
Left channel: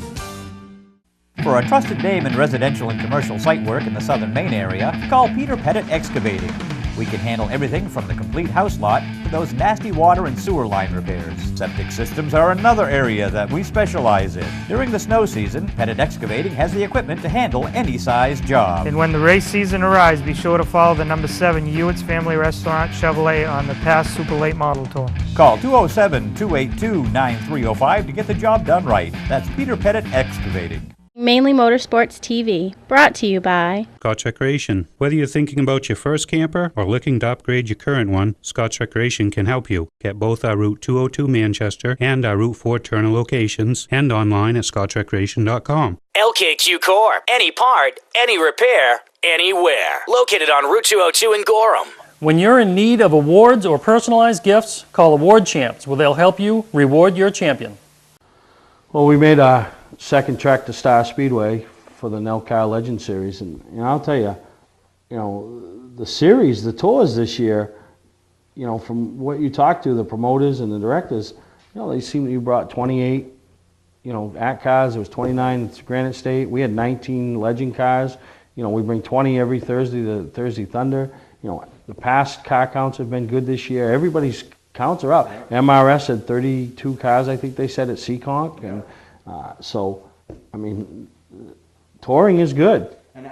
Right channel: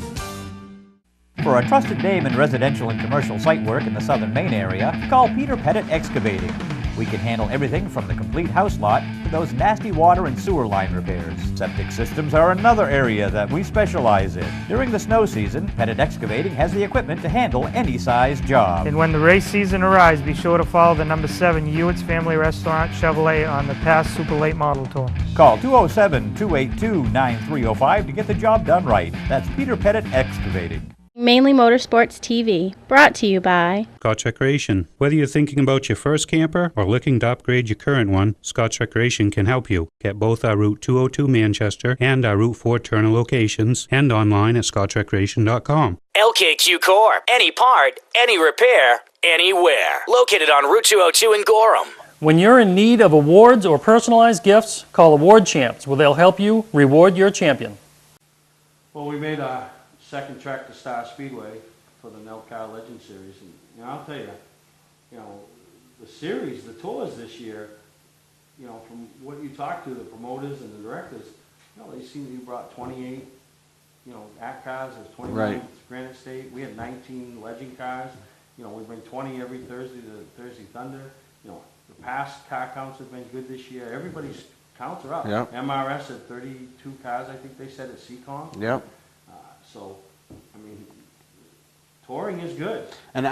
For a trusted name in residential and commercial site work in the Southern Maine area, call Peter Pettit Excavating. We can handle everything from the complete house lot to those nasty water and sewer line repairs. Septic systems are another area that we specialize in. During the snow season, Pettit Excavating has the equipment to handle any size job. And when the race season arrives, be sure to follow the number 7 Hewitt's Family Restaurant Chevrolet on the past Super Late Model Tour. Call 207-282-9305 to get the job done right. That's Peter Pettit Excavating. Mainly Motorsports TV, brought to you by Scott's Recreation. Whether you're thinking about your first camper or looking to upgrade your current one, Scott's Recreation can help you. Get both our Route 202 Manchester and our Route 4 Turner locations and online at scottsrecreation.com. LKQ Corp. Any part, any repair, anywhere. Located on Route 202 in Gorham. When you're in need of awards or personalized gifts, call Award Champs, where they'll help you reward your champion. Well, we made a second track to Star Speedway for the Nelcar Legend Series, and I'll tell you, the series, the tours this year, from what you talk to the promoters and the directors, they seem to you brought 28, at cars. There was 29 at Granite State. We had 19 Legend cars. We bring 20 every Thursday, the Thursday Thunder. The past car counts have been good this year. Everybody's counts are up. Yep. MRS had 32 cars, I think they said, at Seekonk. Yeah. So, touring is good. And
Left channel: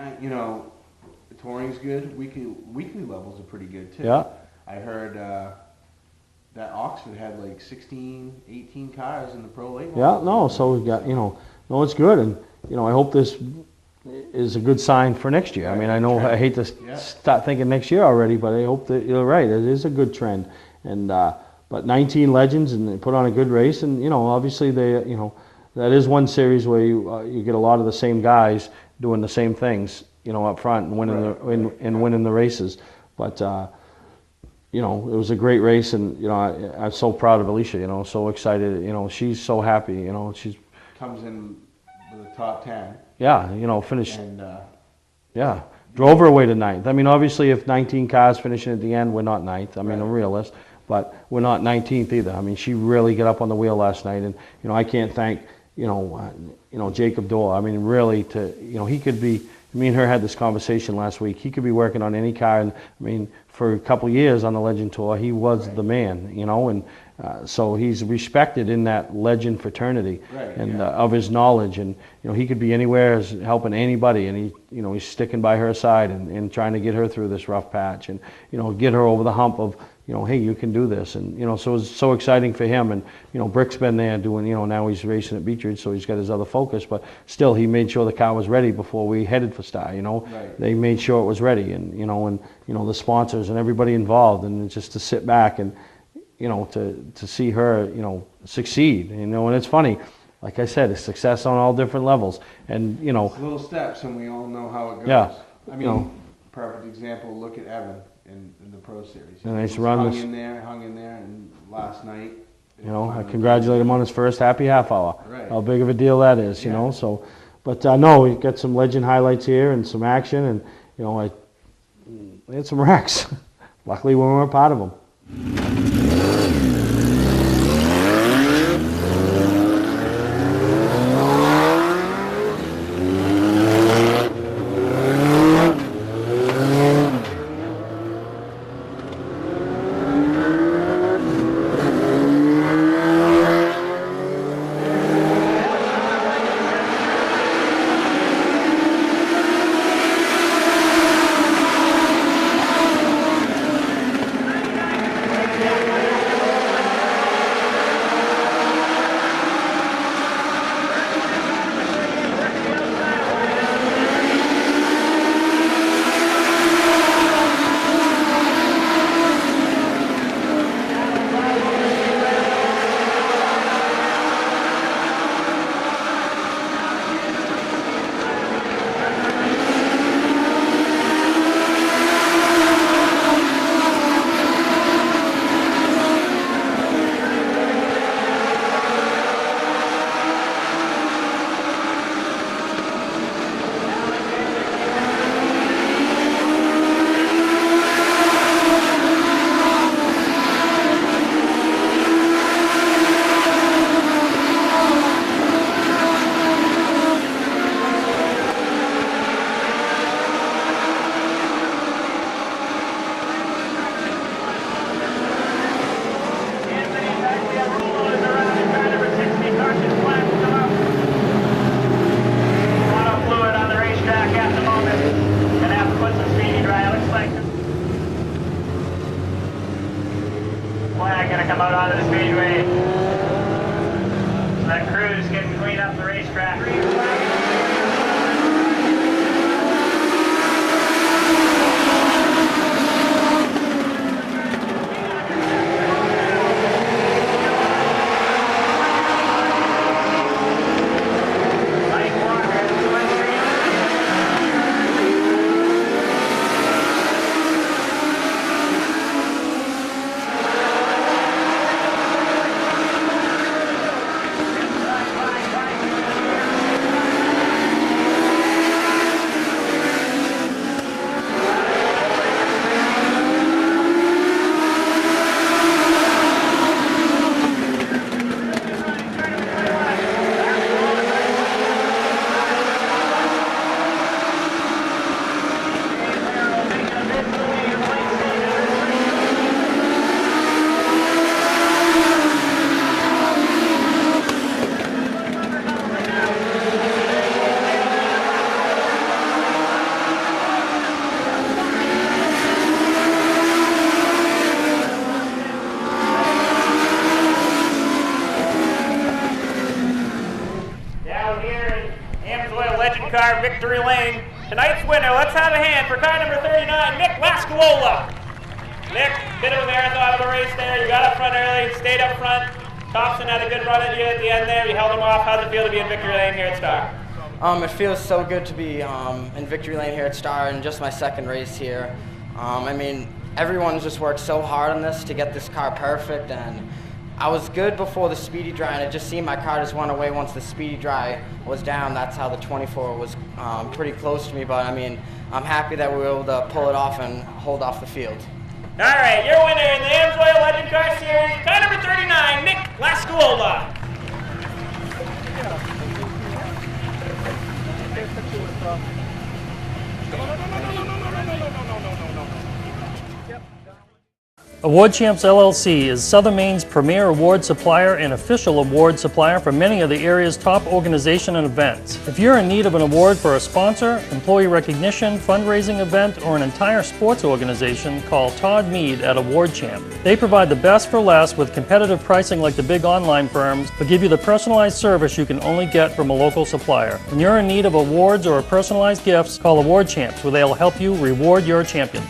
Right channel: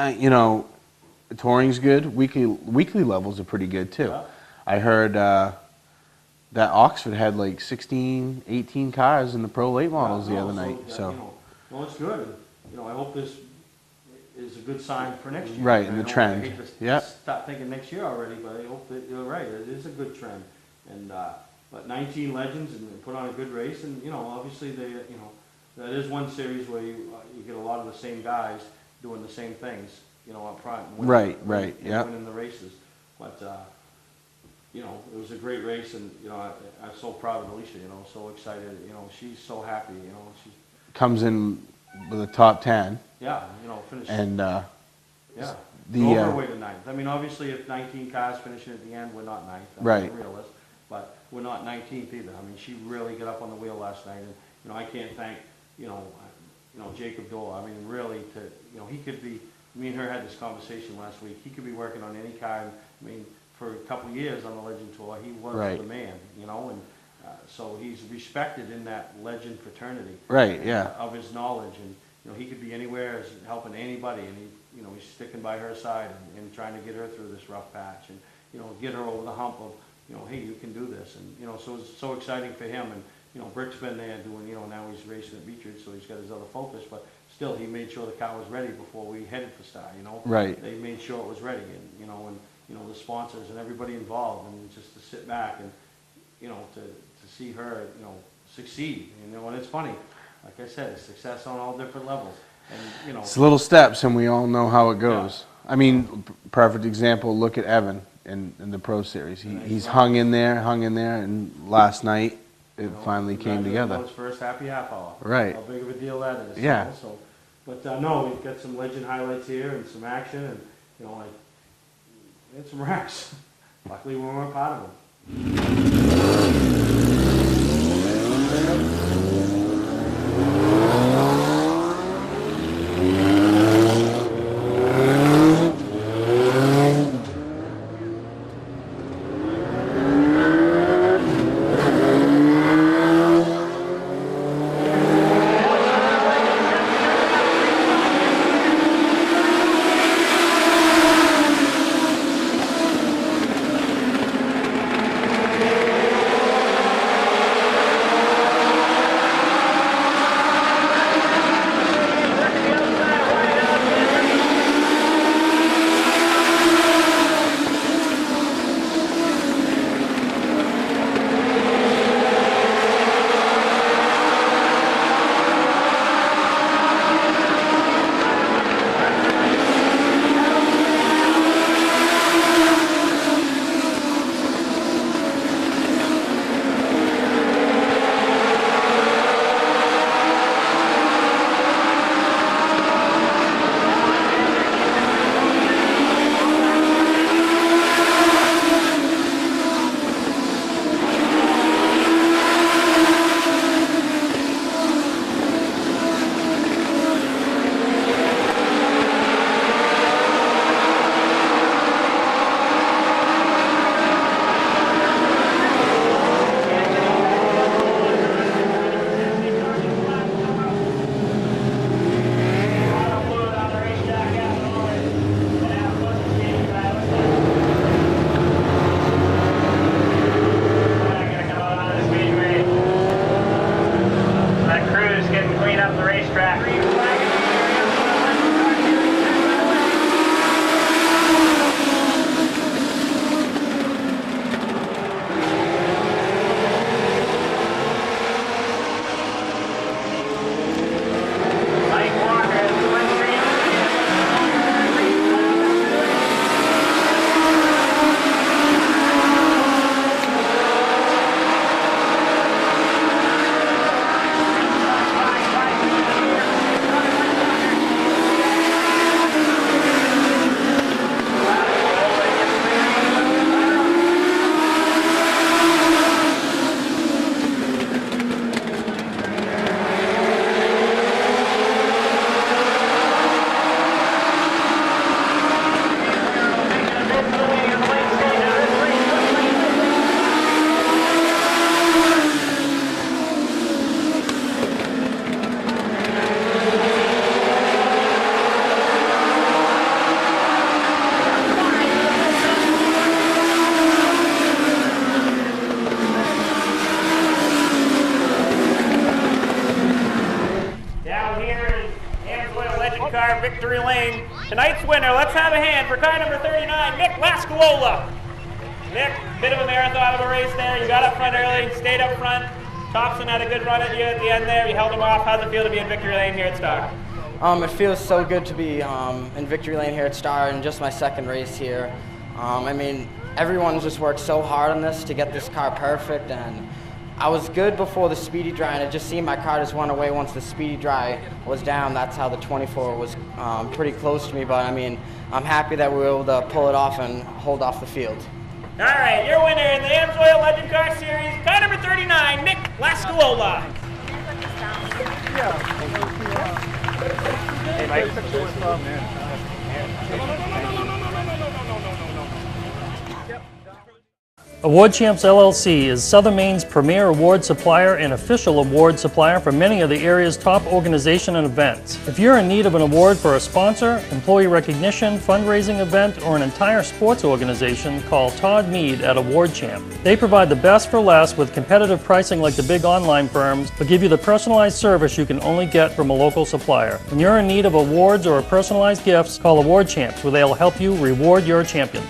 touring's good. Weekly levels are pretty good too. Yeah. I heard that Oxford had like 16, 18 cars in the Pro Late models. It's good, and I hope this is a good sign for next year. Right. I hate to start thinking next year already, but I hope that you're right. It is a good trend, and but 19 Legends, and they put on a good race, and obviously they that is one series where you get a lot of the same guys doing the same things, up front and winning the races. But it was a great race, and I'm so proud of Alicia. So excited. She's so happy. She's comes in with a top 10. Yeah, finish and drove her way to ninth. Obviously, if 19 cars finishing at the end, we're not ninth. I'm a realist. but we're not 19th either. I mean, she really got up on the wheel last night, and I can't thank Jacob Dorr. I mean, really, he could be. Me and her had this conversation last week. He could be working on any car, and I mean, for a couple of years on the Legend Tour, he was the man, and so he's respected in that Legend fraternity, and, of his knowledge, and he could be anywhere helping anybody, and he's sticking by her side and trying to get her through this rough patch, and get her over the hump of hey, you can do this, and so it's so exciting for him, and Brick's been there doing, now he's racing at Beech Ridge, so he's got his other focus, but still he made sure the car was ready before we headed for Star, They made sure it was ready, and the sponsors and everybody involved, and just to sit back and to see her succeed, and it's funny, like I said, it's success on all different levels, and it's little steps, and we all know how it goes. Yeah. I mean, perfect example. Look at Evan in the Pro Series. He's hung in there, and last night it finally congratulate him on his first happy half hour. Right. How big of a deal that is, So, but no, we've got some Legend highlights here and some action, and we had some wrecks. Luckily, we weren't part of them. car, Victory Lane. Tonight's winner, let's have a hand for car number 39, Nick Lascuola. Nick, bit of a marathon of a race there. You got up front early, stayed up front. Thompson had a good run at you at the end there. You held him off. How's it feel to be in Victory Lane here at Star? It feels so good to be in Victory Lane here at Star and just my second race here. I mean, everyone's just worked so hard on this to get this car perfect, and I was good before the speedy dry, and it just seemed my car just went away once the speedy dry was down. That's how the 24 was pretty close to me, but I mean, I'm happy that we were able to pull it off and hold off the field. All right, your winner in the Amsoil Legend Car Series, car number 39, Nick Lascuola. Award Champs LLC is Southern Maine's premier award supplier and official award supplier for many of the area's top organization and events. If you're in need of an award for a sponsor, employee recognition, fundraising event, or an entire sports organization, call Todd Mead at Award Champ. They provide the best for less with competitive pricing like the big online firms, but give you the personalized service you can only get from a local supplier. When you're in need of awards or personalized gifts, call Award Champs, where they'll help you reward your champion.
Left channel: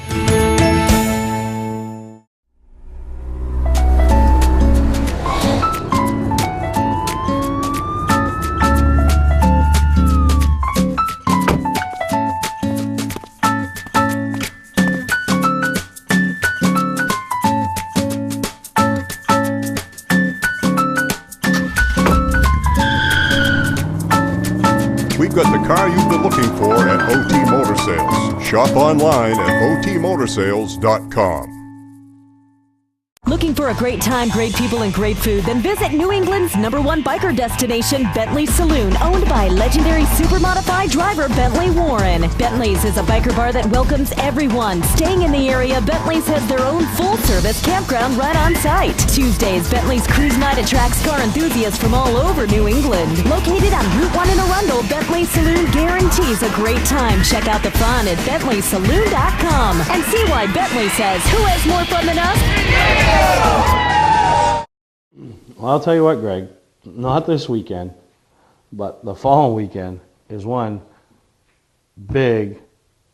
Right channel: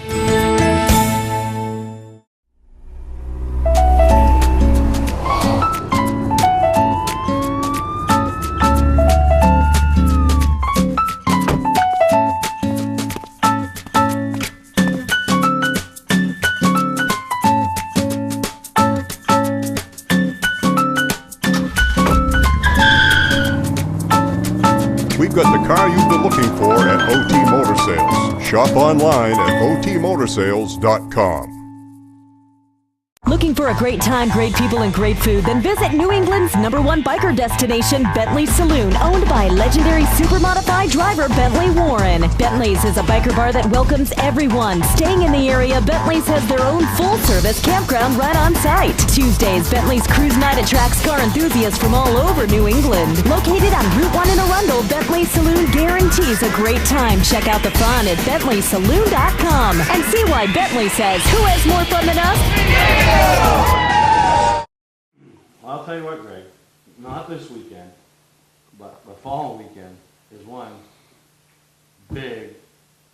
We've got the car you've been looking for at OT Motor Sales. Shop online at otmotorsales.com. Looking for a great time, great people, and great food? Then visit New England's #1 biker destination, Bentley's Saloon, owned by legendary supermodified driver Bentley Warren. Bentley's is a biker bar that welcomes everyone. Staying in the area, Bentley's has their own full-service campground right on site. Tuesdays, Bentley's Cruise Night attracts car enthusiasts from all over New England. Located on Route 1 in Arundel, Bentley's Saloon guarantees a great time. Check out the fun at BentleySaloon.com and see why Bentley says, who has more fun than us? Well, I'll tell you what, Greg, not this weekend, but the following weekend is one big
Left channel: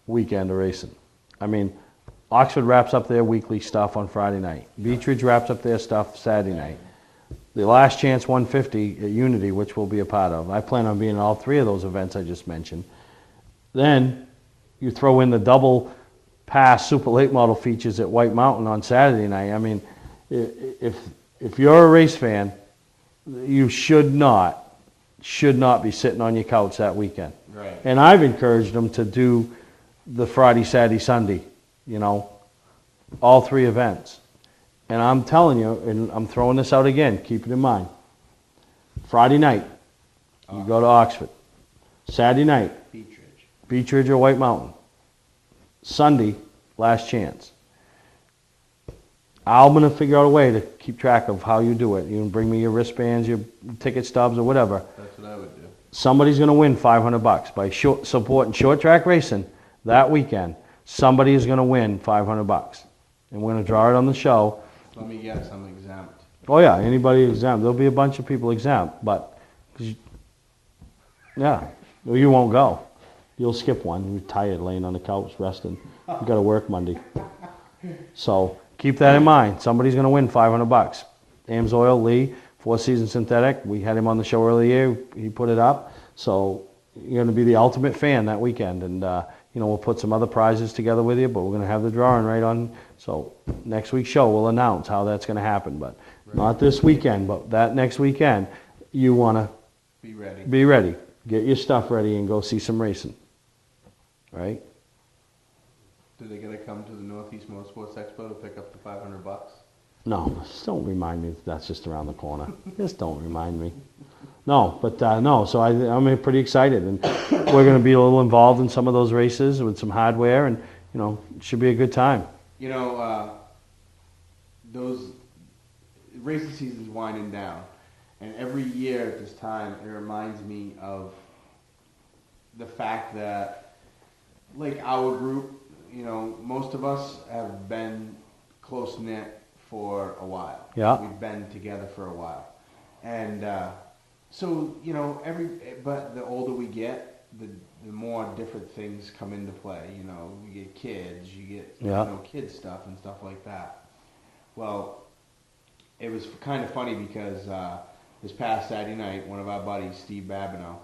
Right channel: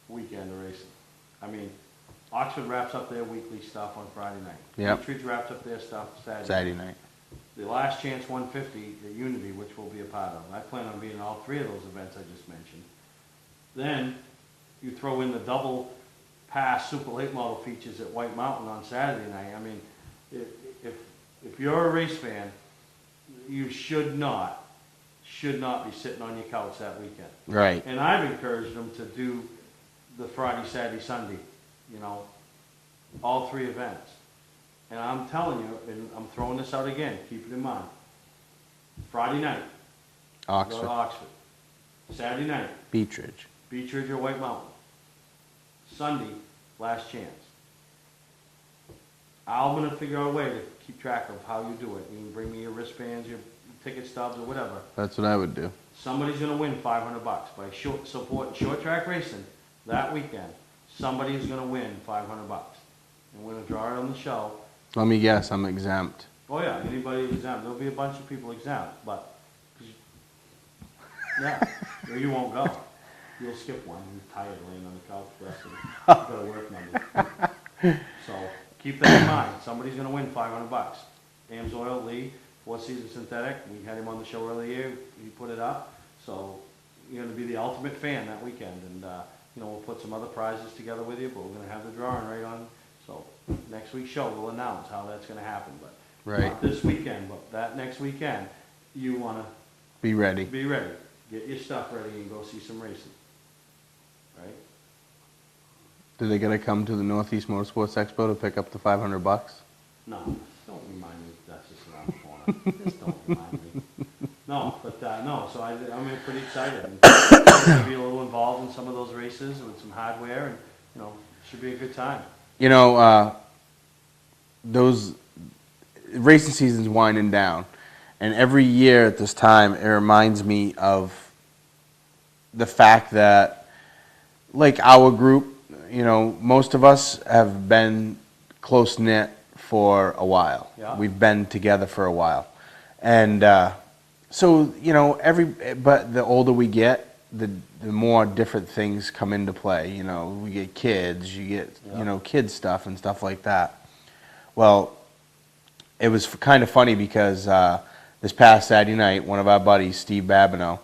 weekend of racing. I mean, Oxford wraps up their weekly stuff on Friday night. Yep. Beechridge wraps up their stuff Saturday night. The Last Chance 150 at Unity, which we'll be a part of. I plan on being at all three of those events I just mentioned. Then you throw in the double pass super late model features at White Mountain on Saturday night. I mean, if you're a race fan, you should not be sitting on your couch that weekend. Right. And I've encouraged them to do the Friday, Saturday, Sunday, you know, all three events. And I'm telling you, and I'm throwing this out again, keep it in mind. Friday night, you go to Oxford. Saturday night, Beechridge or White Mountain. Sunday, Last Chance. I'm going to figure out a way to keep track of how you do it. You can bring me your wristbands, your ticket stubs, or whatever. That's what I would do. Somebody's going to win $500 by supporting short track racing that weekend. Somebody is going to win $500, and we're going to draw it on the show. Let me guess, I'm exempt. Oh yeah, anybody exempt. There'll be a bunch of people exempt, but yeah, you won't go. You'll skip one. You're tired laying on the couch resting. You got to work Monday. So keep that in mind. Somebody's going to win $500. Amsoil, Lee, Four Seasons Synthetic. We had him on the show earlier. He put it up. So you're going to be the ultimate fan that weekend. And, you know, we'll put some other prizes together with you, but we're going to have the drawing right on. So next week's show, we'll announce how that's going to happen. But not this weekend, but that next weekend, you want to be ready. Be ready. Get your stuff ready and go see some racing. Right? Do they got to come to the Northeast Motorsports Expo to pick up the $500? No, just don't remind me that's just around the corner. Just don't remind me. No, but no, so I'm pretty excited. And we're going to be a little involved in some of those races with some hardware, and, you know, it should be a good time. You know, those racing season's winding down. And every year at this time, it reminds me of the fact that, like our group, you know, most of us have been close-knit for a while. Yeah. We've been together for a while. And so, you know, but the older we get, the more different things come into play. You know, we get kids, you get, you know, kid stuff and stuff like that. Well, it was kind of funny because this past Saturday night, one of our buddies, Steve Babineau,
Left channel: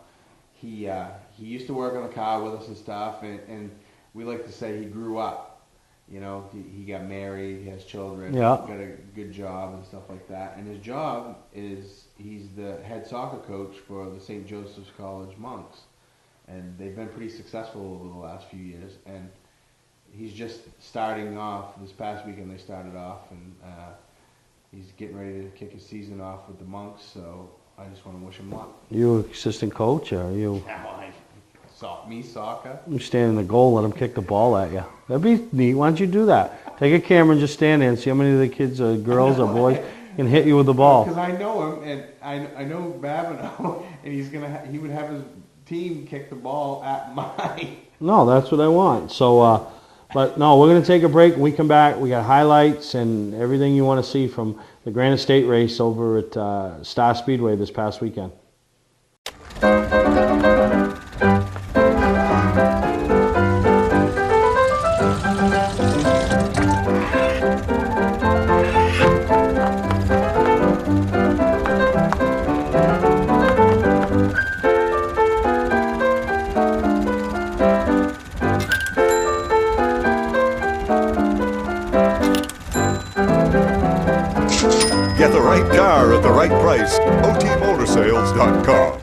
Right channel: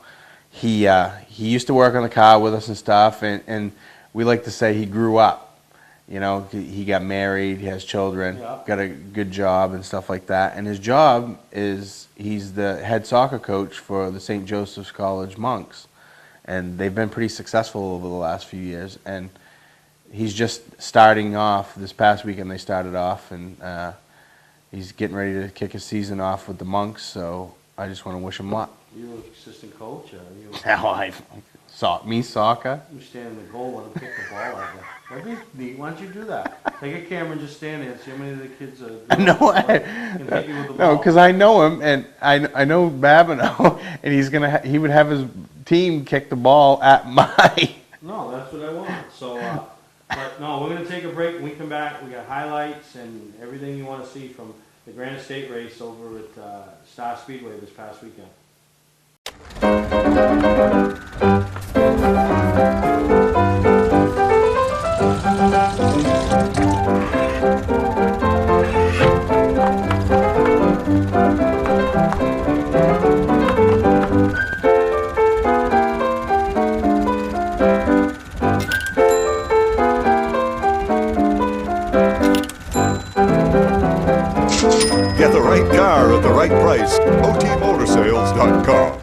he used to work on the car with us and stuff, and we like to say he grew up. You know, he got married, he has children, got a good job and stuff like that. And his job is he's the head soccer coach for the St. Joseph's College Monks. And they've been pretty successful over the last few years. And he's just starting off. This past weekend they started off, and he's getting ready to kick his season off with the Monks, so I just want to wish him luck. You assistant coach, or you? Me soccer? You stand in the goal, let him kick the ball at you. That'd be neat. Why don't you do that? Take a camera and just stand there and see how many of the kids, girls or boys, can hit you with the ball. Because I know him, and I know Babineau, and he would have his team kick the ball at my. No, that's what I want. So, but no, we're going to take a break. When we come back, we got highlights and everything you want to see from the Granite State race over at Star Speedway this past weekend. Get the right car at the right price. OTMotorsales.com.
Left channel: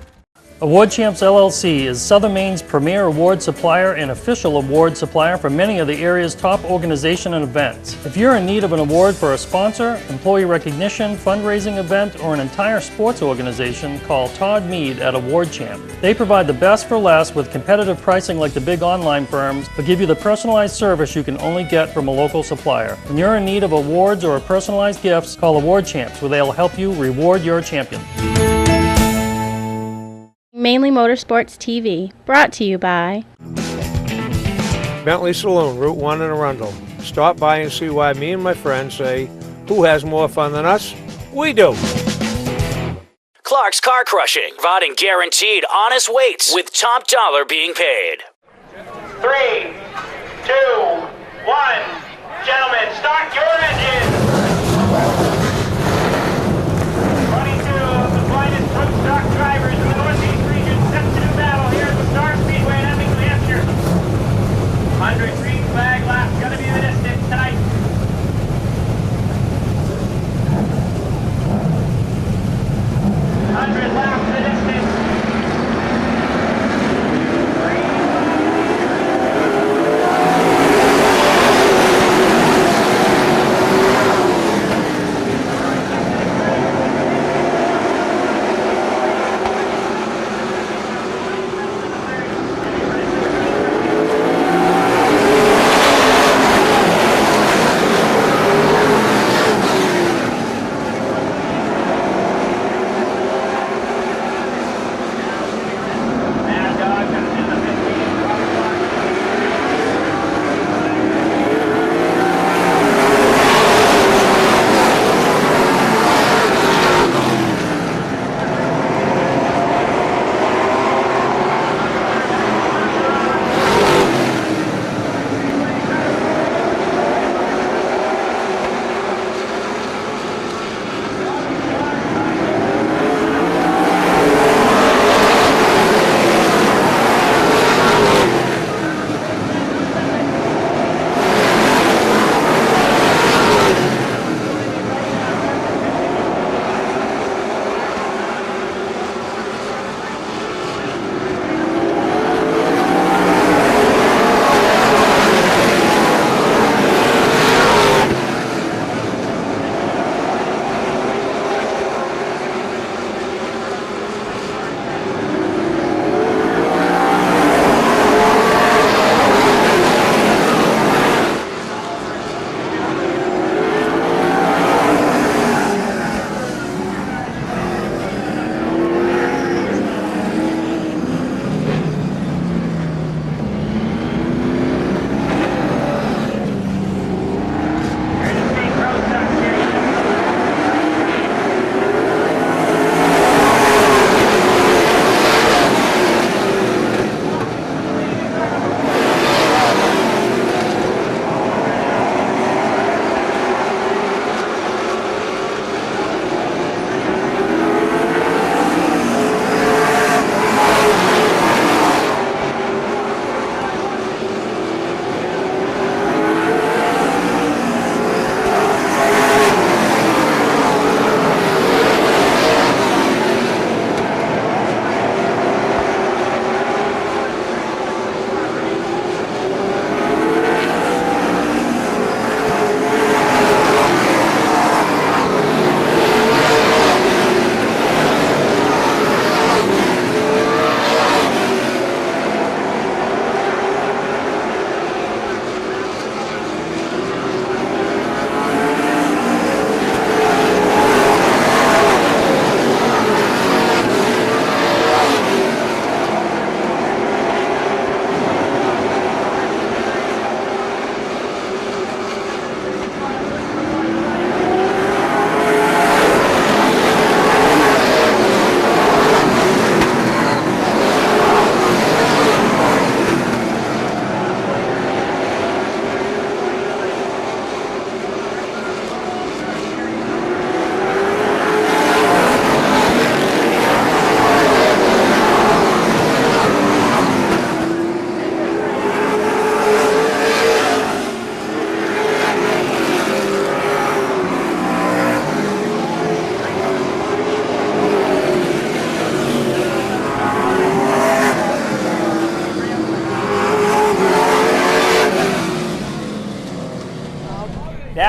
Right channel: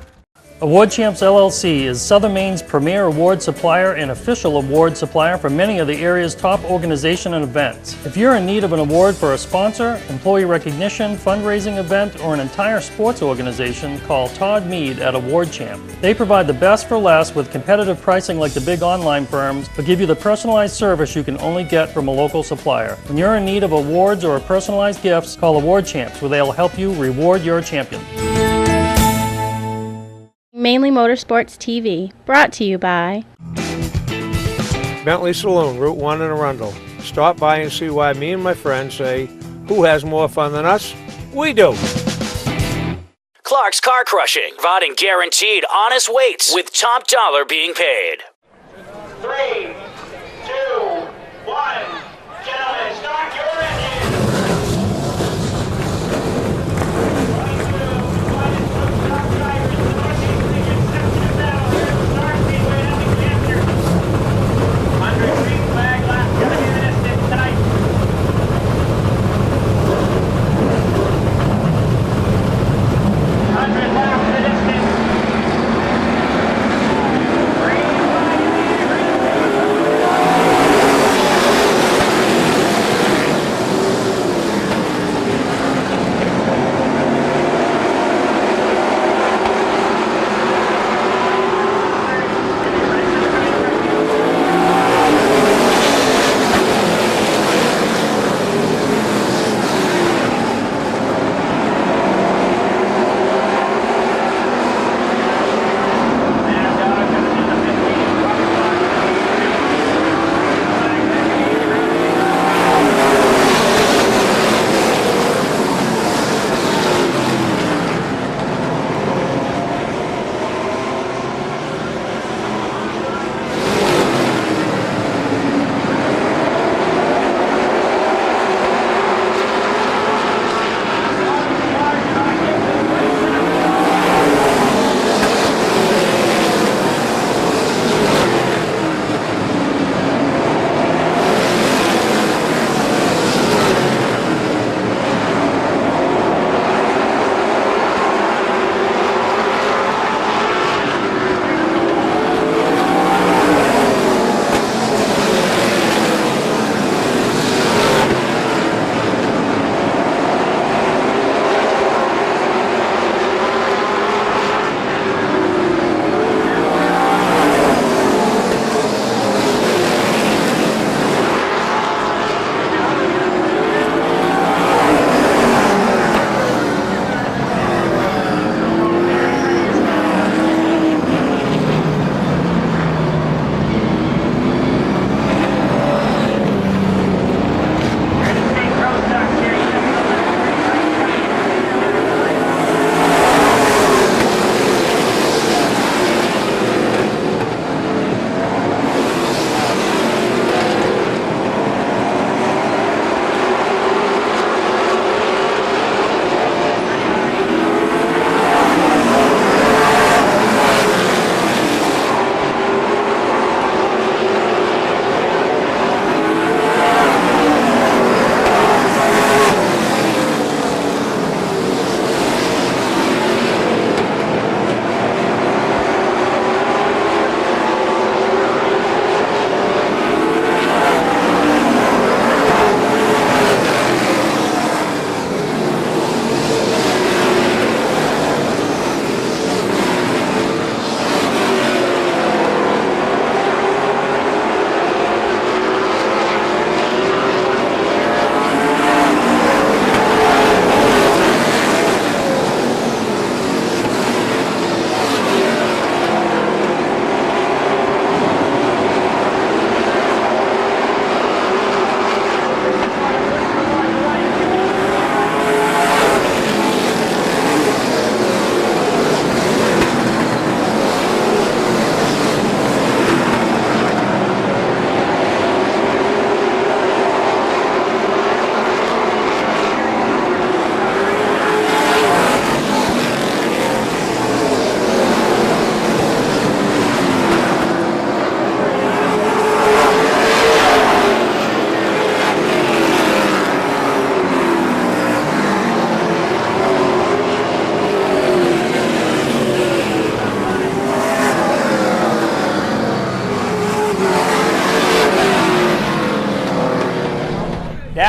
Award Champs LLC is Southern Maine's premier award supplier and official award supplier for many of the area's top organizations and events. If you're in need of an award for a sponsor, employee recognition, fundraising event, or an entire sports organization, call Todd Mead at Award Champ. They provide the best for less with competitive pricing like the big online firms, but give you the personalized service you can only get from a local supplier. When you're in need of awards or personalized gifts, call Award Champs, where they'll help you reward your champion. Mainely Motorsports TV, brought to you by Bentley Saloon, Route 1 in Arundel. Stop by and see why me and my friends say, who has more fun than us? We do. Clark's Car Crushing, providing guaranteed honest weights with top dollar being paid. 3, 2, 1. Gentlemen, start your engines. 22 of the finest truck stock drivers in the Northeast region set to do battle here at the Star Speedway in Hemming, New Hampshire. 100 green flag laps gonna be the distance tonight. 100 laps the distance. Green flag.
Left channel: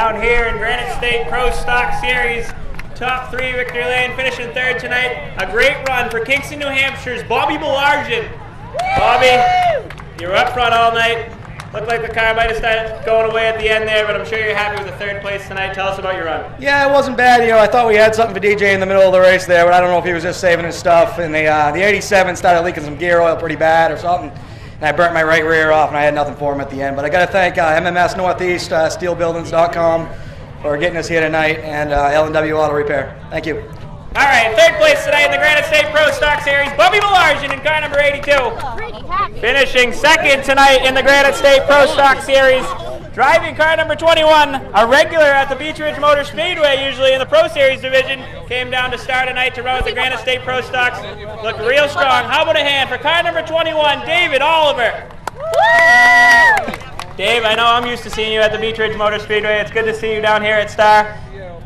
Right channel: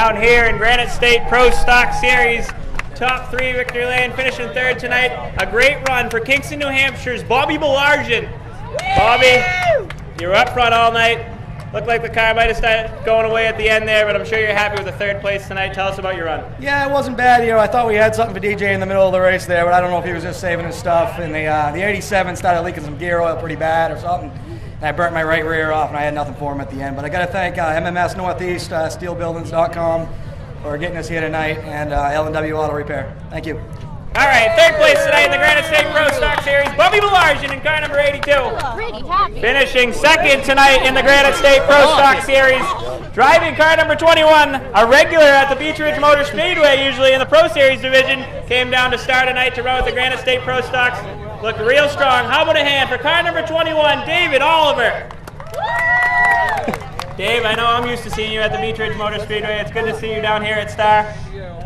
Down here in Granite State Pro Stock Series, top 3 victory lane, finishing 3rd tonight. A great run for Kingston, New Hampshire's Bobby Belargin. Bobby, you were up front all night. Looked like the car might have started going away at the end there, but I'm sure you're happy with the 3rd place tonight. Tell us about your run. Yeah, it wasn't bad. I thought we had something for DJ in the middle of the race there, but I don't know if he was just saving his stuff. And the 87 started leaking some gear oil pretty bad or something. And I burnt my right rear off, and I had nothing for him at the end. But I got to thank MMS Northeast, steelbuildings.com for getting us here tonight, and L&W Auto Repair. Thank you. All right, 3rd place tonight in the Granite State Pro Stock Series, Bobby Belargin in car number 82. Finishing 2nd tonight in the Granite State Pro Stock Series, driving car number 21, a regular at the Beach Ridge Motor Speedway, usually in the Pro Series division, came down to start tonight to run with the Granite State Pro Stocks. Looked real strong. How about a hand for car number 21, David Oliver. Dave, I know I'm used to seeing you at the Beach Ridge Motor Speedway. It's good to see you down here at Star.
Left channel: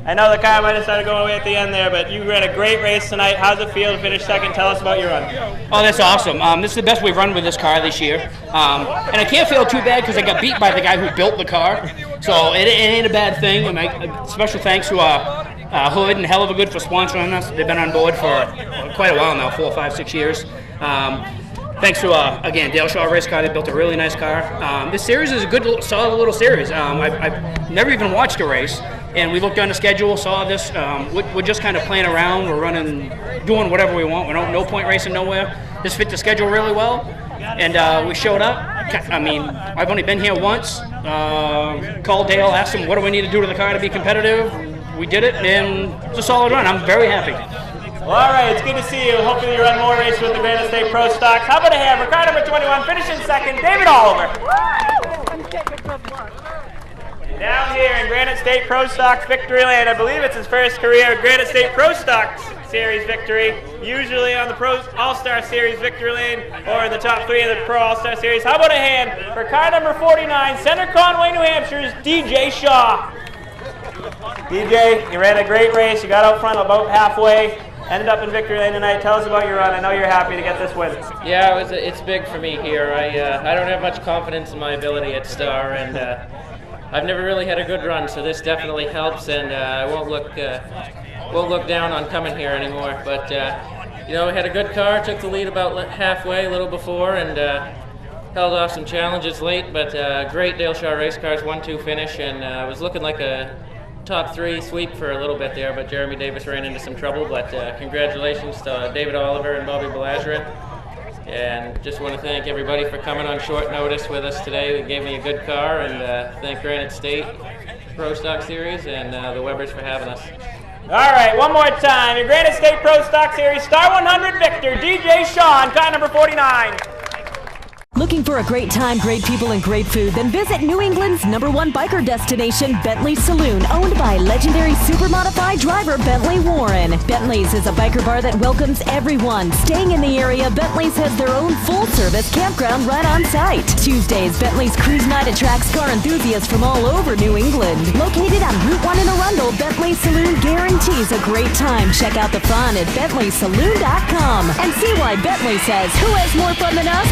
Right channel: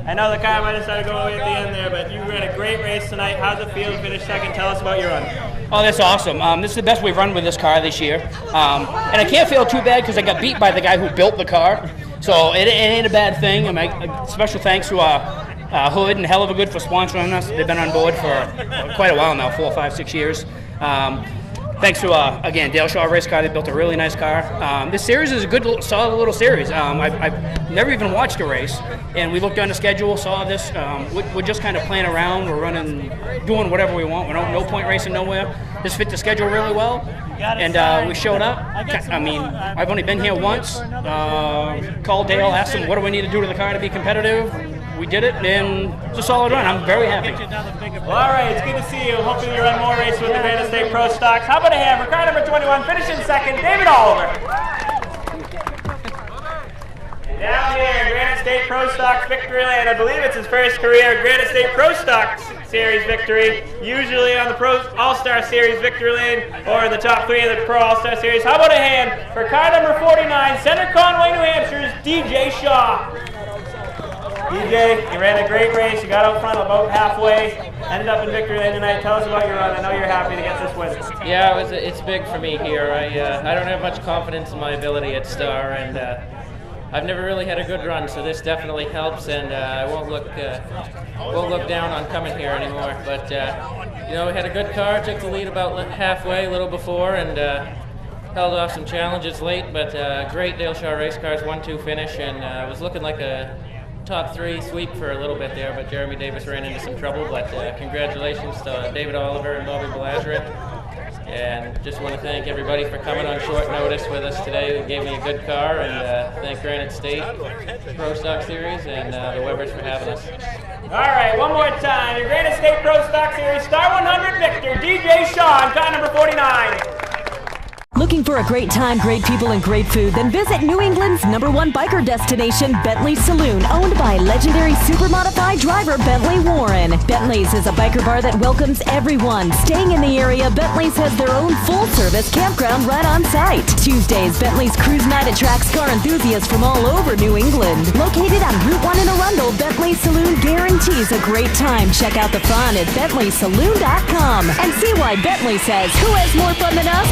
I know the car might have started going away at the end there, but you ran a great race tonight. How's it feel to finish 2nd? Tell us about your run. Oh, that's awesome. This is the best we've run with this car this year. And I can't feel too bad because I got beat by the guy who built the car. So it ain't a bad thing. Special thanks to Hood and Hell of a Good for sponsoring us. They've been on board for quite a while now, 4, 5, 6 years. Thanks to, again, Dale Shaw Race Car. They built a really nice car. This series is a good, solid little series. I've never even watched a race, and we looked on the schedule, saw this. We're just kind of playing around. We're running, doing whatever we want. We're no point racing nowhere. This fit the schedule really well, and we showed up. I mean, I've only been here once. Called Dale, asked him, what do we need to do to the car to be competitive? We did it, and it's a solid run. I'm very happy. Well, all right, it's good to see you. Hopefully you run more races with the Granite State Pro Stocks. How about a hand for car number 21, finishing 2nd, David Oliver. Down here in Granite State Pro Stocks victory lane, I believe it's his first career Granite State Pro Stocks Series victory, usually on the Pro All-Star Series victory lane or in the top 3 of the Pro All-Star Series. How about a hand for car number 49, Center Conway, New Hampshire's DJ Shaw. DJ, you ran a great race. You got out front about halfway. Ended up in victory lane tonight. Tell us about your run. I know you're happy to get this win. Yeah, it's big for me here. I don't have much confidence in my ability at Star, and I've never really had a good run, so this definitely helps, and I won't look down on coming here anymore. But we had a good car. Took the lead about halfway, a little before, and held off some challenges late. But great Dale Shaw Race Cars 1-2 finish, and was looking like a top 3 sweep for a little bit there, but Jeremy Davis ran into some trouble. But congratulations to David Oliver and Bobby Belargin. And just want to thank everybody for coming on short notice with us today. They gave me a good car, and thank Granite State Pro Stock Series and the Webbers for having us. All right, one more time. Your Granite State Pro Stock Series Star 100 victor, DJ Shaw, car number 49. Looking for a great time, great people, and great food? Then visit New England's #1 biker destination, Bentley Saloon, owned by legendary super-modified driver Bentley Warren. Bentley's is a biker bar that welcomes everyone. Staying in the area, Bentley's has their own full-service campground right on site. Tuesdays, Bentley's Cruise Night attracts car enthusiasts from all over New England. Located on Route 1 in Arundel, Bentley Saloon guarantees a great time. Check out the fun at BentleySaloon.com and see why Bentley says, who has more fun than us?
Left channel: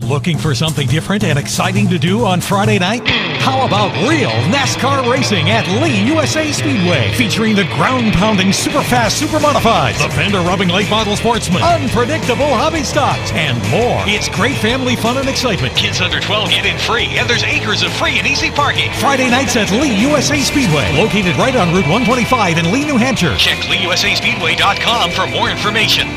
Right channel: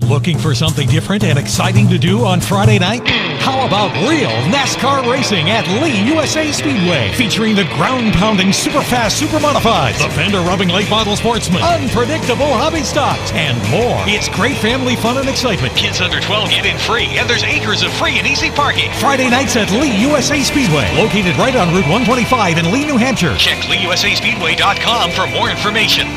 Looking for something different and exciting to do on Friday night? How about real NASCAR racing at Lee USA Speedway, featuring the ground-pounding, super-fast, super-modifieds, the fender-rubbing late model sportsmen, unpredictable hobby stocks, and more. It's great family fun and excitement. Kids under 12 get in free, and there's acres of free and easy parking. Friday nights at Lee USA Speedway, located right on Route 125 in Lee, New Hampshire. Check LeeUSASpeedway.com for more information.